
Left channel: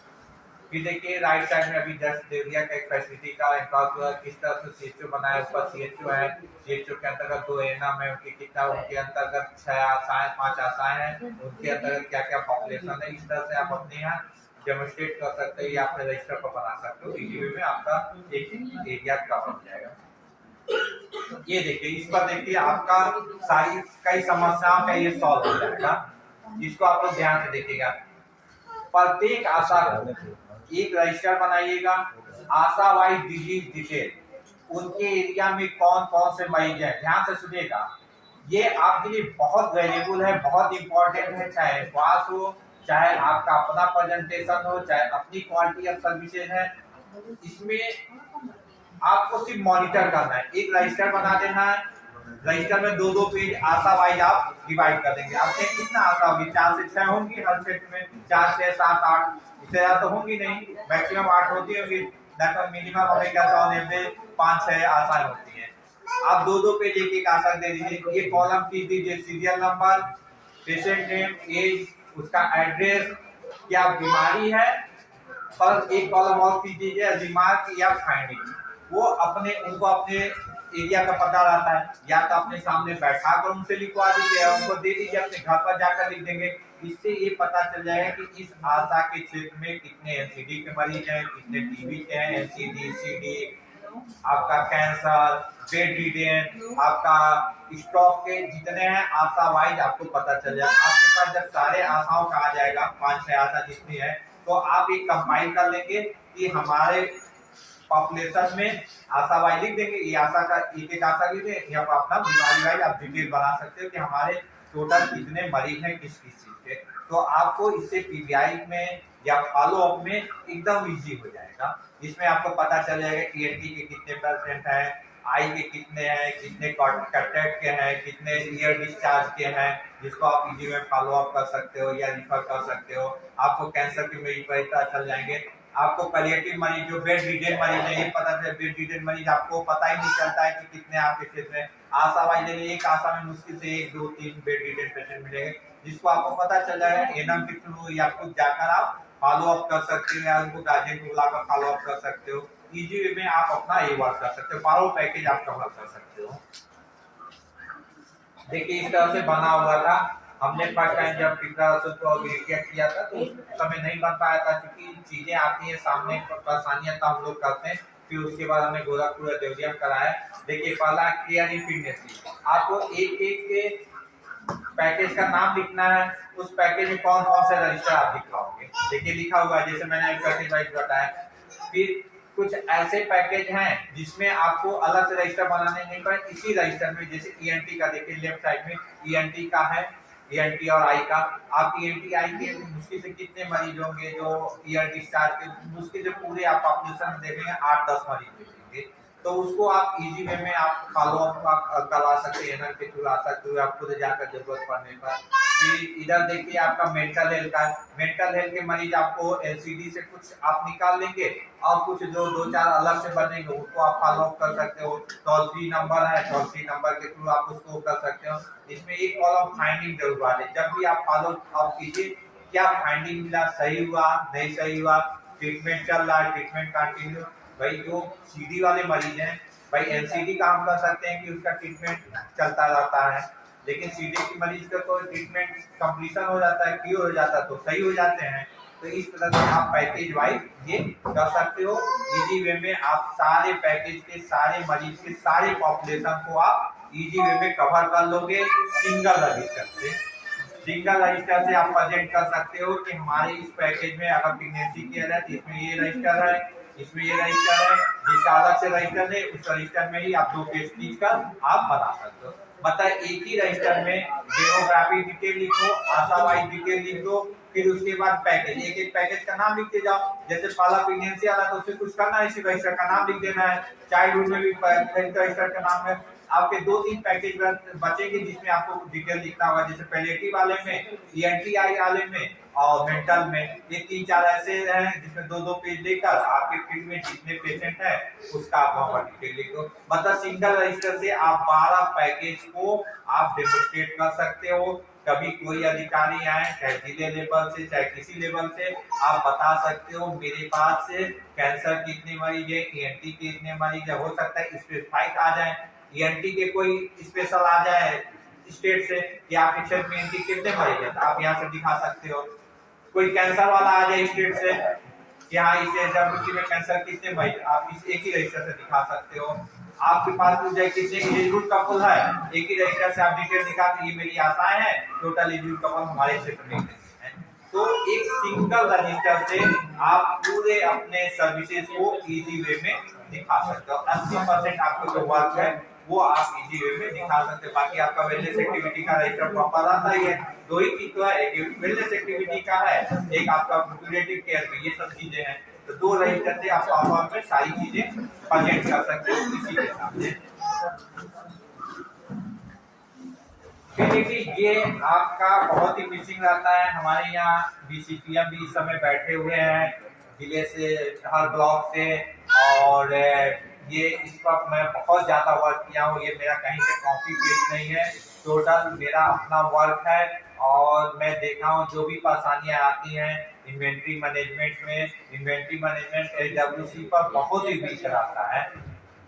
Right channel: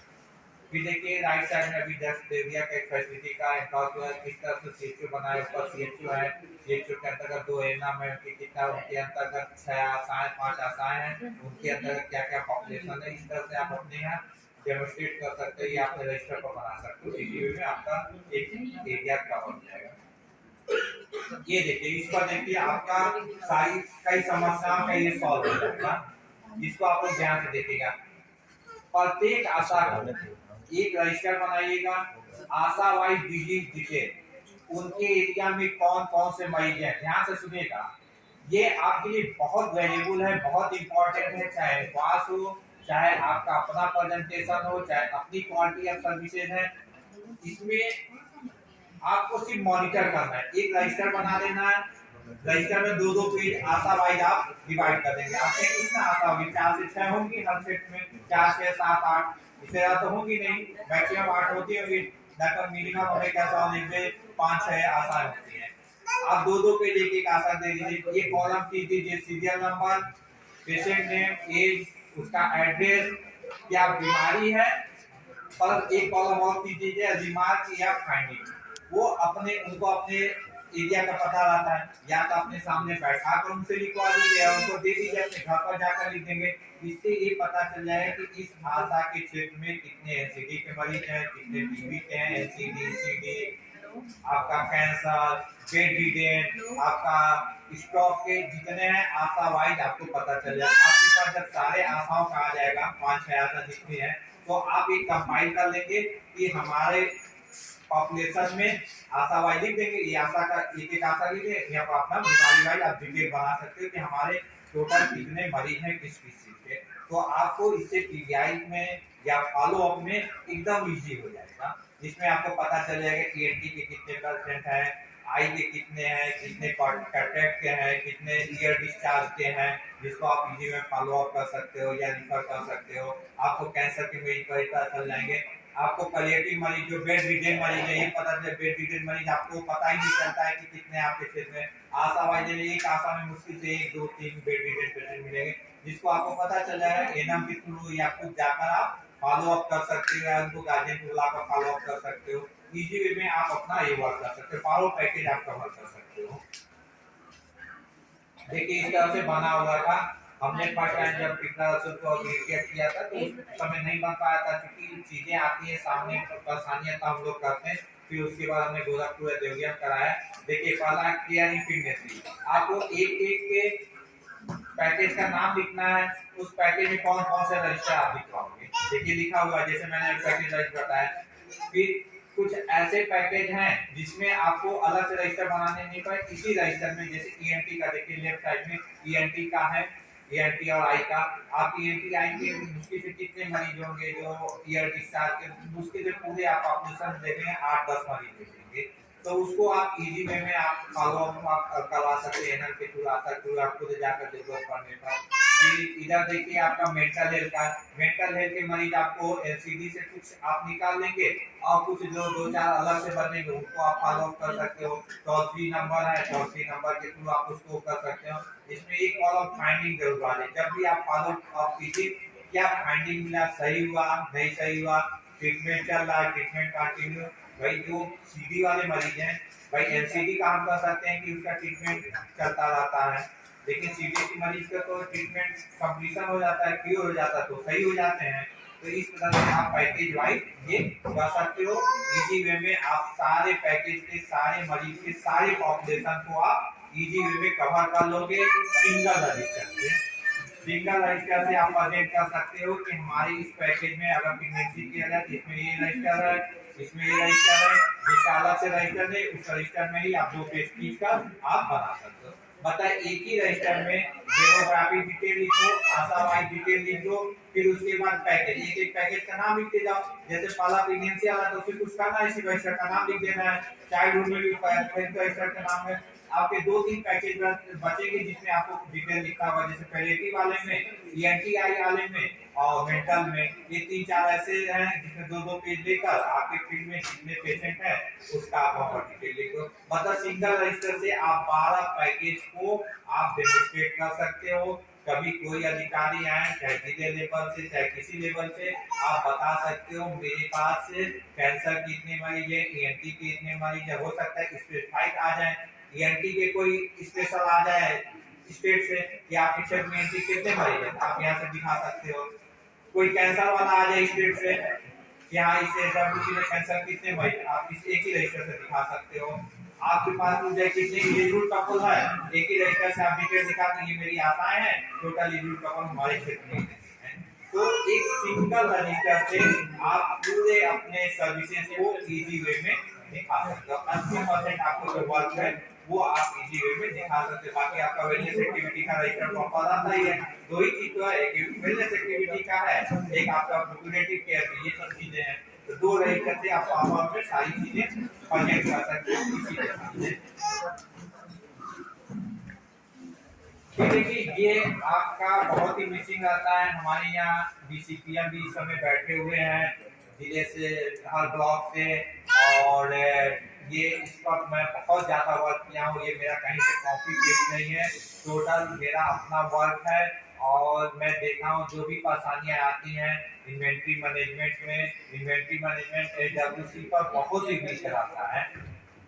फिर देखिए राइट साइड में अभी जस्ट दे दिया कि एक फैसिलिटी का इंफ्रास्ट्रक्चर किस तरह से सीएचओ बनाया, ऊपर सीएचओ है, सीएचओ के अंतर्गत 2 एएनएम है, उनकी कितना, उनके अंतर्गत 6 आशाएं 5 आशाएं हैं, उनके अंतर्गत क्या क्या पॉपुलेशन है, इस तरह से आप अपने यहाँ डेमोन्स्ट्रेट कर सकते हो या अपने रजिस्टर पर बना सकते हो। इसी वे में आपका एक एरिया कवर हो जाएगा। ये देखिए इस पर देखिए आपका सारी कई समस्याओं का ये सॉल्व हो जाएगा, जिसको आप लोग ध्यान से देखिएगा। प्रत्येक आशा को एक रजिस्टर बनाइएगा, आशा वाइज डिजीज डिटेल, उनके एरिया में कौन कौन से मरीज हैं, ध्यान से सुनिएगा, ये आपके लिए बहुत वैल्यूबल है, बहुत इंपॉर्टेंट है। चाहे पास हो, चाहे आपका अपना प्रेजेंटेशन हो, चाहे अपनी क्वालिटी ऑफ सर्विसेज है, इसमें आपको सिर्फ मॉनिटर करना है। एक रजिस्टर बना देना है, रजिस्टर में 2-2 पेज आशा वाइज आप डिवाइड कर देंगे। आपके कितना आशा होगी, 4 से 6 होंगी हर सेट में, 4 6 7 8, इससे ज्यादा तो होंगी नहीं, मैक्सिमम 8 होती होगी, तो मिनिमम हमें क्या 5-6 आशाएं होती हैं। आप 2-2 पेज एक आशा दे दीजिए। ये कॉलम खींच दीजिए, serial number, patient name, age, उसका एड्रेस, क्या बीमारी है, और एक कॉलम और खींच दीजिए रिमार्क या फाइंडिंग। वो उनको अपने एरिया का पता रहता है, या तो अपने सामने बैठा कर उनसे लिखवा दीजिए, उनको दे दीजिए, अपने घर पर जाकर लिख देंगे। इससे ये पता चल जाएगा कि इस आशा के क्षेत्र में कितने एनसीडी के मरीज हैं, कितने टीबी के हैं, एनसीडी, सीडी, आपका कैंसर, बेड रिडेन, आपका स्टॉक के जितने हैं आशा वाइज आपको पता चल जाएगा। आपके पास जब सारे आशाओं का आ जाएगा, 5-6 आशा जितनी है, तो आप एक कंपाइल कर लेंगे कि हमारे पॉपुलेशन में आशा वाइज लिख देंगे, ये आशा का एक आशा लिखे, यहाँ पर अपना बीमारी वाइज आप डिटेल बना सकते हो कि हमारे टोटल कितने मरीज हैं किस किस चीज के। तो आपको इससे पीबीआई में या फॉलो अप में एकदम इजी हो जाएगा, जिसमें आपको पता चल जाएगा ईएनटी के कितने % हैं, आई के कितने हैं, कितने कैटरेक्ट के हैं, कितने ईयर डिस्चार्ज के हैं, जिसको आप इजी में फॉलो अप कर सकते हो या रिफर कर सकते हो। आपको कैंसर के मरीज पता चल जाएंगे, आपको पैलिएटिव मरीज जो बेड रिडेन मरीज है, ये पता चले बेड रिडेन मरीज आपको पता ही नहीं चलता है कि कितने आपके क्षेत्र में। आशा वाइज एक आशा में मुश्किल से 1 2 3 बेड रिडेन पेशेंट मिलेंगे, जिसको आपको पता चल जाएगा एनएम के थ्रू, या खुद जाकर आप फॉलो अप कर सकते हो या उनको गार्जियन को बुलाकर फॉलो अप कर सकते हो। इजी वे में आप अपना ये वर्क कर सकते हो, फॉलो पैकेज आप कवर कर सकते हो। देखिए इस तरह से बना हुआ था, हमने फर्स्ट टाइम जब पिछला को किया था तो उस समय नहीं बन पाया था, क्योंकि चीजें आती हैं सामने, परेशानियां तो हम लोग करते हैं। फिर उसके बाद हमने गोरखपुर और देवरिया कराया। देखिए पहला केयर इनफिनिटी, आपको एक के पैकेज का नाम लिखना है, उस पैकेज में कौन कौन से रजिस्टर आप लिखाओगे। देखिए लिखा हुआ है, जैसे मैंने पैकेज रजिस्टर बताया। फिर कुछ ऐसे पैकेज हैं जिसमें आपको अलग से रजिस्टर बनाने नहीं पड़े, इसी रजिस्टर में, जैसे ईएनटी का देखिए लेफ्ट साइड में ईएनटी का है, ईएनटी और आई का। आप ईएनटी आई के मुश्किल से कितने मरीज होंगे जो ईयर डिस्चार्ज के, मुश्किल से पूरे आप पॉपुलेशन देखेंगे 8-10 मरीज मिलेंगे, तो उसको आप इजी वे में आप फॉलो अप करवा सकते हैं, के थ्रू आ सकते हो, आप खुद जाकर जरूरत पड़ने पर। फिर इधर देखिए आपका मेंटल हेल्थ का, मेंटल हेल्थ के मरीज आपको एलसीडी से कुछ आप निकाल लेंगे और कुछ जो 2-4 अलग से बनेंगे उनको आप फॉलो अप कर सकते हो। टोल फ्री नंबर है, टोल फ्री नंबर के थ्रू आप उसको कर सकते हो। इसमें एक कॉलम फाइंडिंग जरूर वाले, जब भी आप फॉलो अप कीजिए, क्या फाइंडिंग मिला, सही हुआ नहीं सही हुआ, ट्रीटमेंट चल रहा है, ट्रीटमेंट कंटिन्यू। भाई जो सीडी वाले मरीज हैं, भाई एनसीडी काम कर सकते हैं कि उसका ट्रीटमेंट चलता रहता है, लेकिन सीडी की मरीज का तो ट्रीटमेंट कंप्लीशन हो जाता है, क्योर हो जाता है, तो सही हो जाते हैं। तो इस तरह से आप पैकेज वाइज ये कर सकते हो। इजी वे में आप सारे पैकेज के सारे मरीज के सारे पॉपुलेशन को आप इजी वे में कवर कर लोगे सिंगल रजिस्टर से। सिंगल रजिस्टर से आप प्रेजेंट कर सकते हो कि हमारे इस पैकेज में अगर प्रेगनेंसी केयर है तो इसमें ये रजिस्टर है, इसमें ये रजिस्टर है, जिसका अलग से रजिस्टर है उस रजिस्टर में ही आप 2 पेज खींच कर आप बना सकते हो। मतलब एक ही रजिस्टर में डेमोग्राफी डिटेल लिखो, आशा वाइज डिटेल लिख दो, फिर उसके बाद पैकेज, एक एक पैकेज का नाम लिखते जाओ। जैसे पहला प्रेगनेंसी आला तो उसमें कुछ करना है, इसी रजिस्टर का नाम लिख देना है। चाइल्डहुड में भी रजिस्टर का नाम है। आपके 2-3 पैकेज बचेंगे जिसमें आपको डिटेल लिखना होगा, जैसे पैलिएटिव वाले में, ईएनटीआई वाले में और मेंटल में। ये 3-4 ऐसे हैं जिसमें 2-2 पेज लेकर आपके फील्ड में जितने पेशेंट हैं उसका आप वहां पर डिटेल लिख दो। मतलब सिंगल रजिस्टर से आप 12 पैकेज को आप डेमोस्ट्रेट कर सकते हो। कभी कोई अधिकारी आए चाहे जिले लेवल से चाहे किसी लेवल से, आप बता सकते हो मेरे पास कैंसर के इतने मरीज है, ईएनटी के इतने मरीज है। हो सकता है स्पेसिफाइड आ जाए, ईएनटी के कोई स्पेशल आ जाए स्टेट से कि आपके क्षेत्र में ईएनटी कितने मरीज है, आप यहाँ से दिखा सकते हो। कोई कैंसर वाला आ जाए स्टेट से कि हाँ इस एसडब्ल्यूसी में कैंसर कितने मरीज, आप इस एक ही रजिस्टर से दिखा सकते हो। आपके पास पूछ जाए कितने एलिजिबल कपल है, एक ही रजिस्टर से आप डिटेल दिखा के ये मेरी आशाएं हैं, टोटल एलिजिबल कपल हमारे क्षेत्र में है। तो एक सिंगल रजिस्टर से आप पूरे अपने सर्विसेज को इजी वे में दिखा सकते हो। 80% आपको जो वर्क है वो आप इजी वे में दिखा सकते हो। बाकी आपका वेलनेस एक्टिविटी का रजिस्टर प्रॉपर आता ही है। 2 ही चीज तो है, एक वेलनेस एक्टिविटी का है, एक आपका प्रिवेंटिव केयर की, ये सब चीजें हैं। तो 2 रजिस्टर से आप प्रॉपर में सारी चीजें प्रेजेंट कर सकते हो इसी के सामने। फिर देखिए ये आपका बहुत ही मिसिंग रहता है। हमारे यहाँ बीसीपीएम भी इस समय बैठे हुए हैं जिले से, हर ब्लॉक से, और ये इस पर मैं बहुत ज़्यादा वर्क किया हूँ। ये मेरा कहीं से कॉपी पेस्ट नहीं है, टोटल मेरा अपना वर्क है। और मैं देखा हूँ जो भी परेशानियाँ आती हैं इन्वेंट्री मैनेजमेंट में, इन्वेंट्री मैनेजमेंट एसडब्ल्यूसी पर बहुत ही वीक रहता है।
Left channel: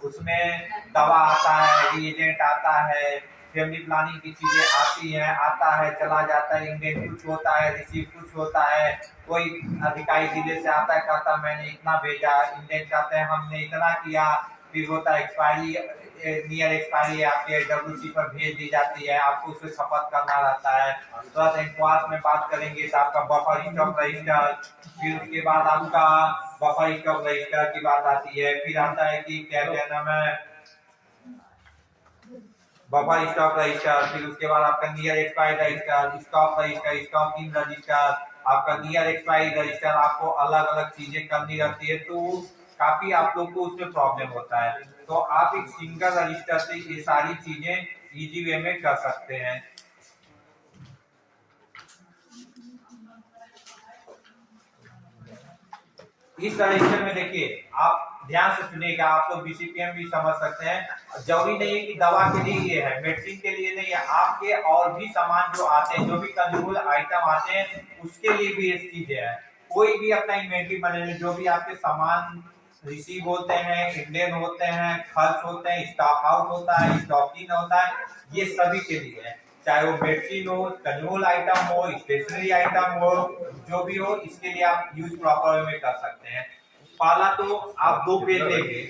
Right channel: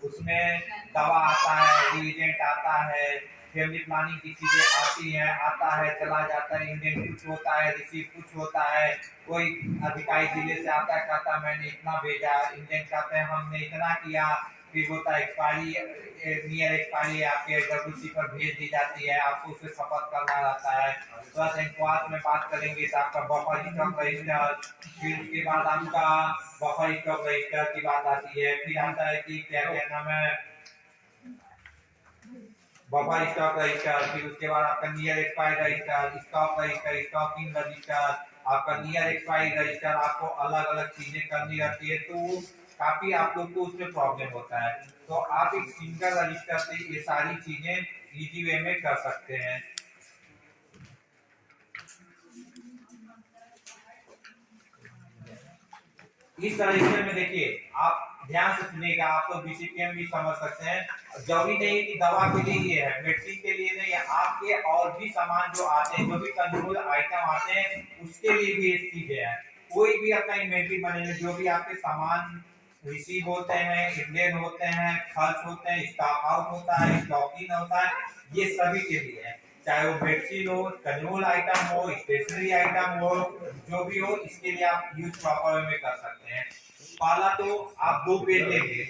उसमें दवा आता है, रिएजेंट आता है, फैमिली प्लानिंग की चीजें आती हैं, आता है चला जाता है, इंडेंट कुछ होता है, रिसीव कुछ होता है। कोई अधिकारी जिले से आता है कहता है मैंने इतना भेजा, इंडेंट कहते हैं हमने इतना किया, फिर होता है एक्सपायरी, नियर एक्सपायरी आपके एसडब्ल्यूसी पर भेज दी जाती है, आपको उससे खपत करना रहता है। तो इनक्वास में बात करेंगे तो आपका बफर स्टॉक रजिस्टर, फिर उसके बाद आपका बफर स्टॉक रजिस्टर की बात आती है। फिर आता है कि क्या कहना है बफर स्टॉक रजिस्टर, फिर उसके बाद आपका near expiry register, stock register, stocking register, आपका नियर एक्सपायरी रजिस्टर, आपको अलग अलग चीजें करनी रहती है। तो काफी आप लोग को उसमें प्रॉब्लम होता है। तो आप एक सिंगल रजिस्टर से ये सारी चीजें इजी वे में कर सकते हैं। इस रजिस्टर में देखिए आप ध्यान से सुनिएगा, आप लोग बीसीपीएम भी समझ सकते हैं। जरूरी नहीं कि दवा के लिए ये है, मेडिसिन के लिए नहीं है, आपके और भी सामान जो आते हैं, जो भी कंज्यूमेबल आइटम आते हैं उसके लिए भी ये चीजें हैं। कोई भी अपना इन्वेंट्री मैनेजमेंट, जो भी आपके सामान रिसीव होते हैं, इंडेन होते हैं, खर्च होते हैं, स्टॉक आउट होता है, स्टॉक इन होता है, ये सभी के लिए है। चाहे वो मेडिसिन हो, कंज्यूमेबल आइटम हो, स्टेशनरी आइटम हो, जो भी हो, इसके लिए आप यूज प्रॉपर वे में कर सकते हैं। पहला तो आप 2 पेज लेंगे,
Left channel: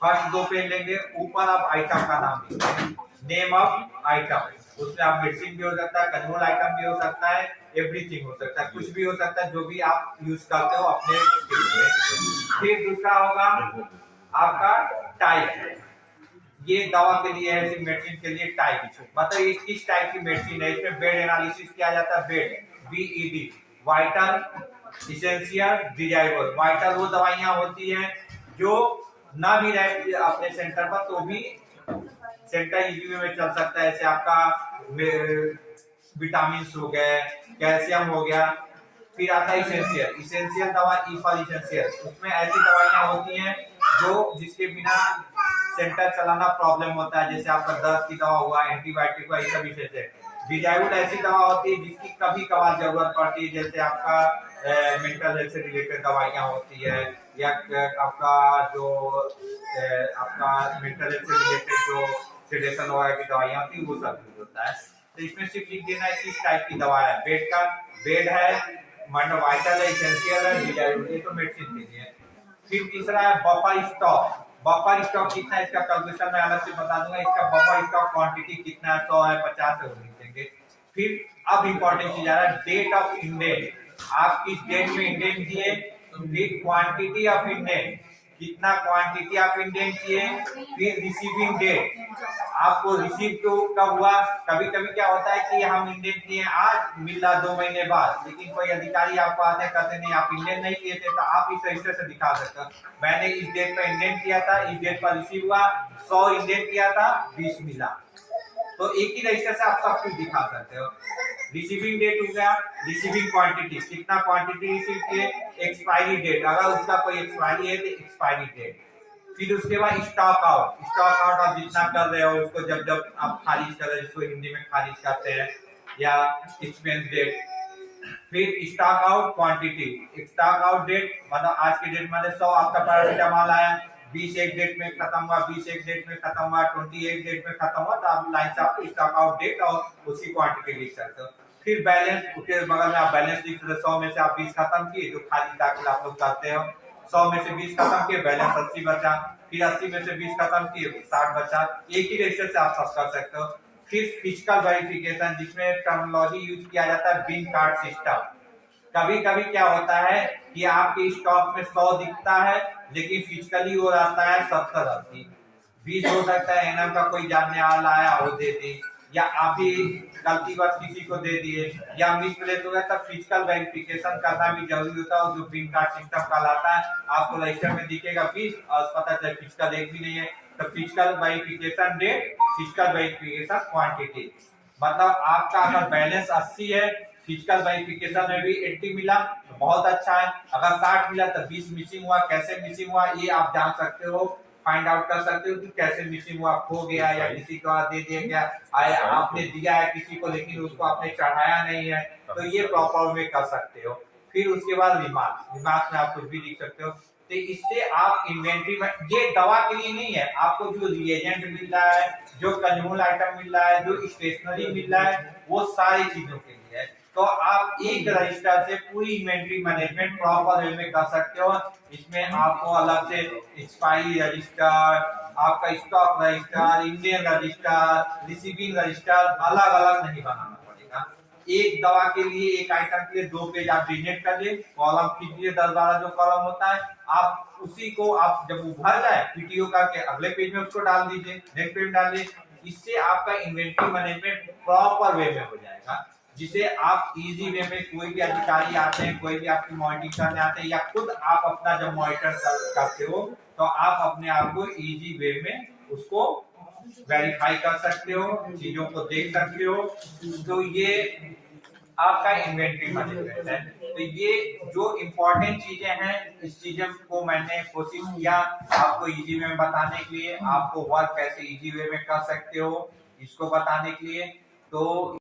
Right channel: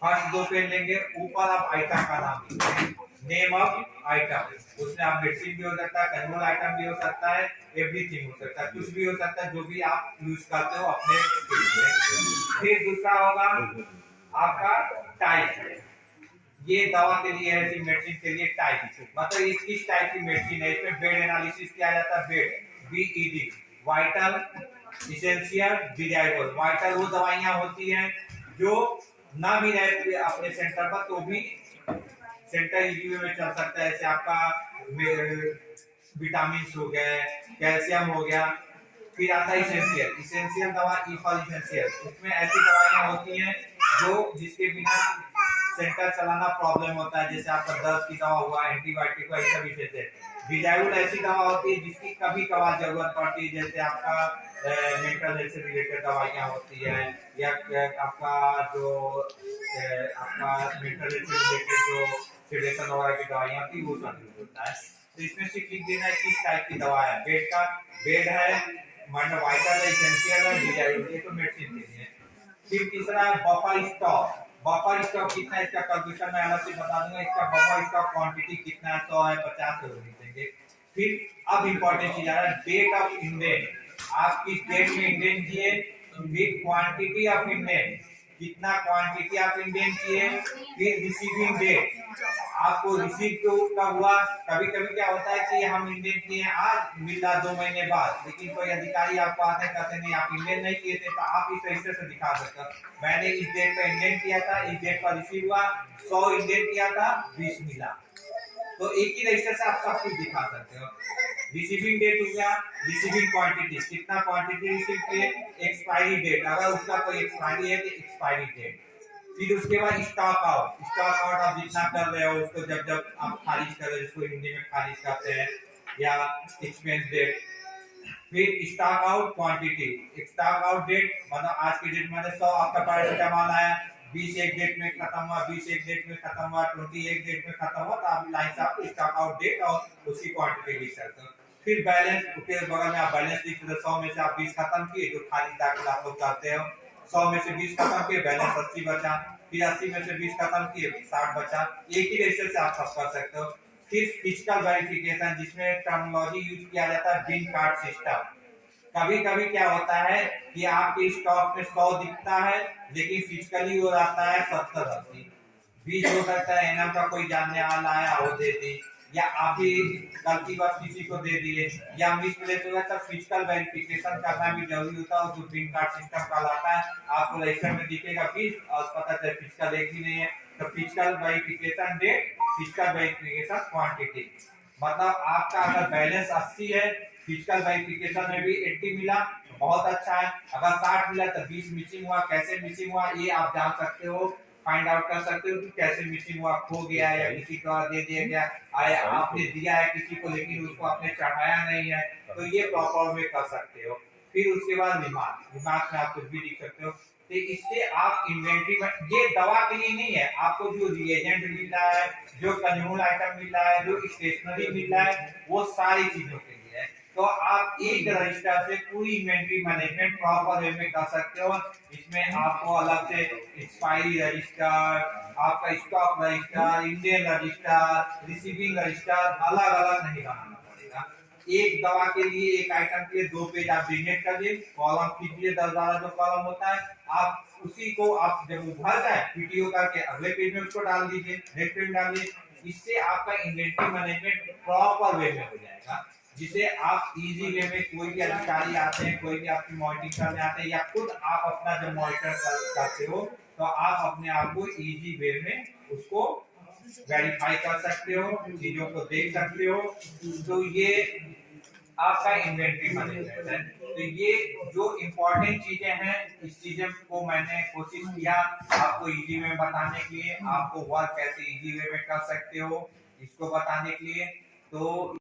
फर्स्ट 2 पेज लेंगे, ऊपर आप आइटम का नाम लिखेंगे, नेम ऑफ आइटम। उसमें आप मेडिसिन भी हो सकता है, कंज्यूमेबल आइटम भी हो सकता है, एवरीथिंग हो सकता है, कुछ भी हो सकता है जो भी आप यूज करते हो अपने स्किल में। फिर दूसरा होगा आपका टाइप, ये दवा के लिए है, मेडिसिन के लिए टाइप, मतलब ये किस टाइप की मेडिसिन है। इसमें बेड एनालिसिस किया जाता है, bed B.Ed, vital, essential, desirable. Vital वो दवाइयां होती हैं जो ना भी रहे अपने सेंटर पर तो भी सेंटर इजी में चल सकता है। जैसे आपका विटामिन हो गए, कैल्शियम हो गया। फिर आता है इसेंशियल, इसेंशियल दवा ई फॉर इसेंशियल, उसमें ऐसी दवाइयां होती हैं जो जिसके बिना सेंटर चलाना प्रॉब्लम होता है। जैसे आपका दर्द की दवा हुआ, एंटीबायोटिक हुआ, ये सब विषय से। डिजायरेबल ऐसी दवा होती है जिसकी कभी कभार जरूरत पड़ती है, जैसे आपका मेंटल हेल्थ से रिलेटेड दवाइयां होती है, या आपका जो आपका मेंटल हेल्थ से रिलेटेड जो सेडेशन वगैरह की दवाइयां होती है वो सब यूज होता है। तो इसमें सिर्फ लिख देना है किस टाइप की दवा है। बेड का बेड है, वाइटल है, इसेंशियल है, डिजायरेबल, ये तो मेडिसिन के लिए। फिर तीसरा है बफर स्टॉक। बफर स्टॉक कितना है इसका कैलकुलेशन मैं अलग से बता दूंगा। इसका बफर स्टॉक क्वांटिटी कितना है, 100 है, 50 है, वो लिख देंगे। फिर अब इंपॉर्टेंट चीज आ रहा है डेट ऑफ इंडेंट। आप किस डेट में इंडेंट किए, फिर क्वांटिटी ऑफ इंडेंट, कितना क्वांटिटी ऑफ इंडेंट किए, फिर रिसीविंग डेट, आपको रिसीव कब हुआ। कभी कभी क्या होता है कि हम इंडेंट किए आज, मिला 2 महीने बाद, लेकिन कोई अधिकारी आपको आते कहते नहीं आप इंडेंट नहीं किए थे, तो आप इस रजिस्टर से दिखा सकते हो मैंने इस डेट पर इंडेंट किया था, इस डेट पर रिसीव हुआ, 100 इंडेंट किया था, 20 मिला। तो एक ही रजिस्टर से आप सब कुछ दिखा सकते हो। रिसीविंग डेट हो गया, रिसीविंग क्वांटिटी, कितना क्वांटिटी रिसीव किए, एक्सपायरी डेट, अगर उसका कोई एक्सपायरी है तो एक्सपायरी डेट। फिर उसके बाद स्टॉक आउट, स्टॉक आउट आप जितना कर रहे हो उसको जब जब आप खारिज कर रहे हो, जिसको हिंदी में खारिज करते हैं, या एक्सपेंस डेट। फिर stock out quantity, stock out date मतलब आज की डेट में 100 आपका पैरासीटामॉल आया, 20 एक डेट में खत्म हुआ, 20 एक डेट में खत्म हुआ, 20 एक डेट में खत्म हुआ, तो आप लाइन से आप स्टॉक आउट डेट और उसकी क्वांटिटी लिख सकते हो। फिर बैलेंस, उसके बगल में आप बैलेंस लिख सकते हो, 100 में से आप 20 खत्म किए, जो खारिज दाखिल आप लोग करते हो, 100 में से 20 खत्म किए, बैलेंस 80 बचा, फिर 80 में से 20 खत्म किए, 60 बचा। एक ही रजिस्टर से आप सब कर सकते हो। फिर फिजिकल वेरिफिकेशन, जिसमें टर्मिनोलॉजी यूज किया जाता है बिन कार्ड सिस्टम। कभी कभी क्या होता है कि आपके स्टॉक में 100 दिखता है, लेकिन फिजिकली वो आता है 70-80, 20 हो सकता है एनएम का कोई जानने वाला आया वो दे दे, या आप ही गलती बस किसी को दे दिए, या मिसप्लेस हो गया, तब फिजिकल वेरिफिकेशन करना भी जरूरी होता है। जो पिन कार्ड सिस्टम कहलाता है, आपको रजिस्टर में दिखेगा 20 और पता चले फिजिकल एक भी नहीं है, तो physical verification date, physical verification quantity. मतलब आपका अगर बैलेंस 80 है, फिजिकल वेरिफिकेशन में भी 80 मिला तो बहुत अच्छा है, अगर 60 मिला तो 20 मिसिंग हुआ। कैसे मिसिंग हुआ ये आप जान सकते हो, फाइंड आउट कर सकते हो कि कैसे मिसिंग हुआ, खो गया या किसी को दे दिया गया, आया आपने दिया है किसी को लेकिन उसको आपने चढ़ाया नहीं है, तो ये प्रॉपर में कर सकते हो। फिर उसके बाद रिमार्क, रिमार्क में आप कुछ भी लिख सकते हो। तो इससे आप इन्वेंट्री में, ये दवा के लिए नहीं है, आपको जो रिएजेंट मिल रहा है, जो कंज्यूमर आइटम मिल रहा है, जो स्टेशनरी मिल रहा है, वो सारी चीजों के लिए है। तो आप एक रजिस्टर से पूरी इन्वेंट्री मैनेजमेंट प्रॉपर वे में कर सकते हो। इसमें आपको अलग से एक्सपायरी रजिस्टर, आपका stock register, Indian register, receiving register अलग अलग नहीं बनाना पड़ेगा। एक दवा के लिए, एक आइटम के लिए 2 पेज आप डिलीट कर लिए, कॉलम खींचिए 10-12 जो कॉलम होता है, आप उसी को आप जब वो भर जाए पीटीओ का के अगले पेज में उसको डाल दीजिए, नेक्स्ट पेज में डालिए। इससे आपका इन्वेंट्री मैनेजमेंट प्रॉपर वे में हो जाएगा, जिसे आप इजी वे में, कोई भी अधिकारी आते हैं, कोई भी आपकी मॉनिटरिंग करने आते हैं, या खुद आप अपना जब मॉनिटर करते हो तो आप अपने आप को इजी वे में उसको वेरीफाई कर सकते हो, चीजों को देख सकते हो। तो ये आपका इन्वेंट्री मैनेजमेंट है। तो ये जो इम्पोर्टेंट चीजें हैं, इस चीजों को मैंने कोशिश किया आपको इजी वे में बताने के लिए, आपको वर्क कैसे इजी वे में कर सकते हो इसको बताने के लिए। तो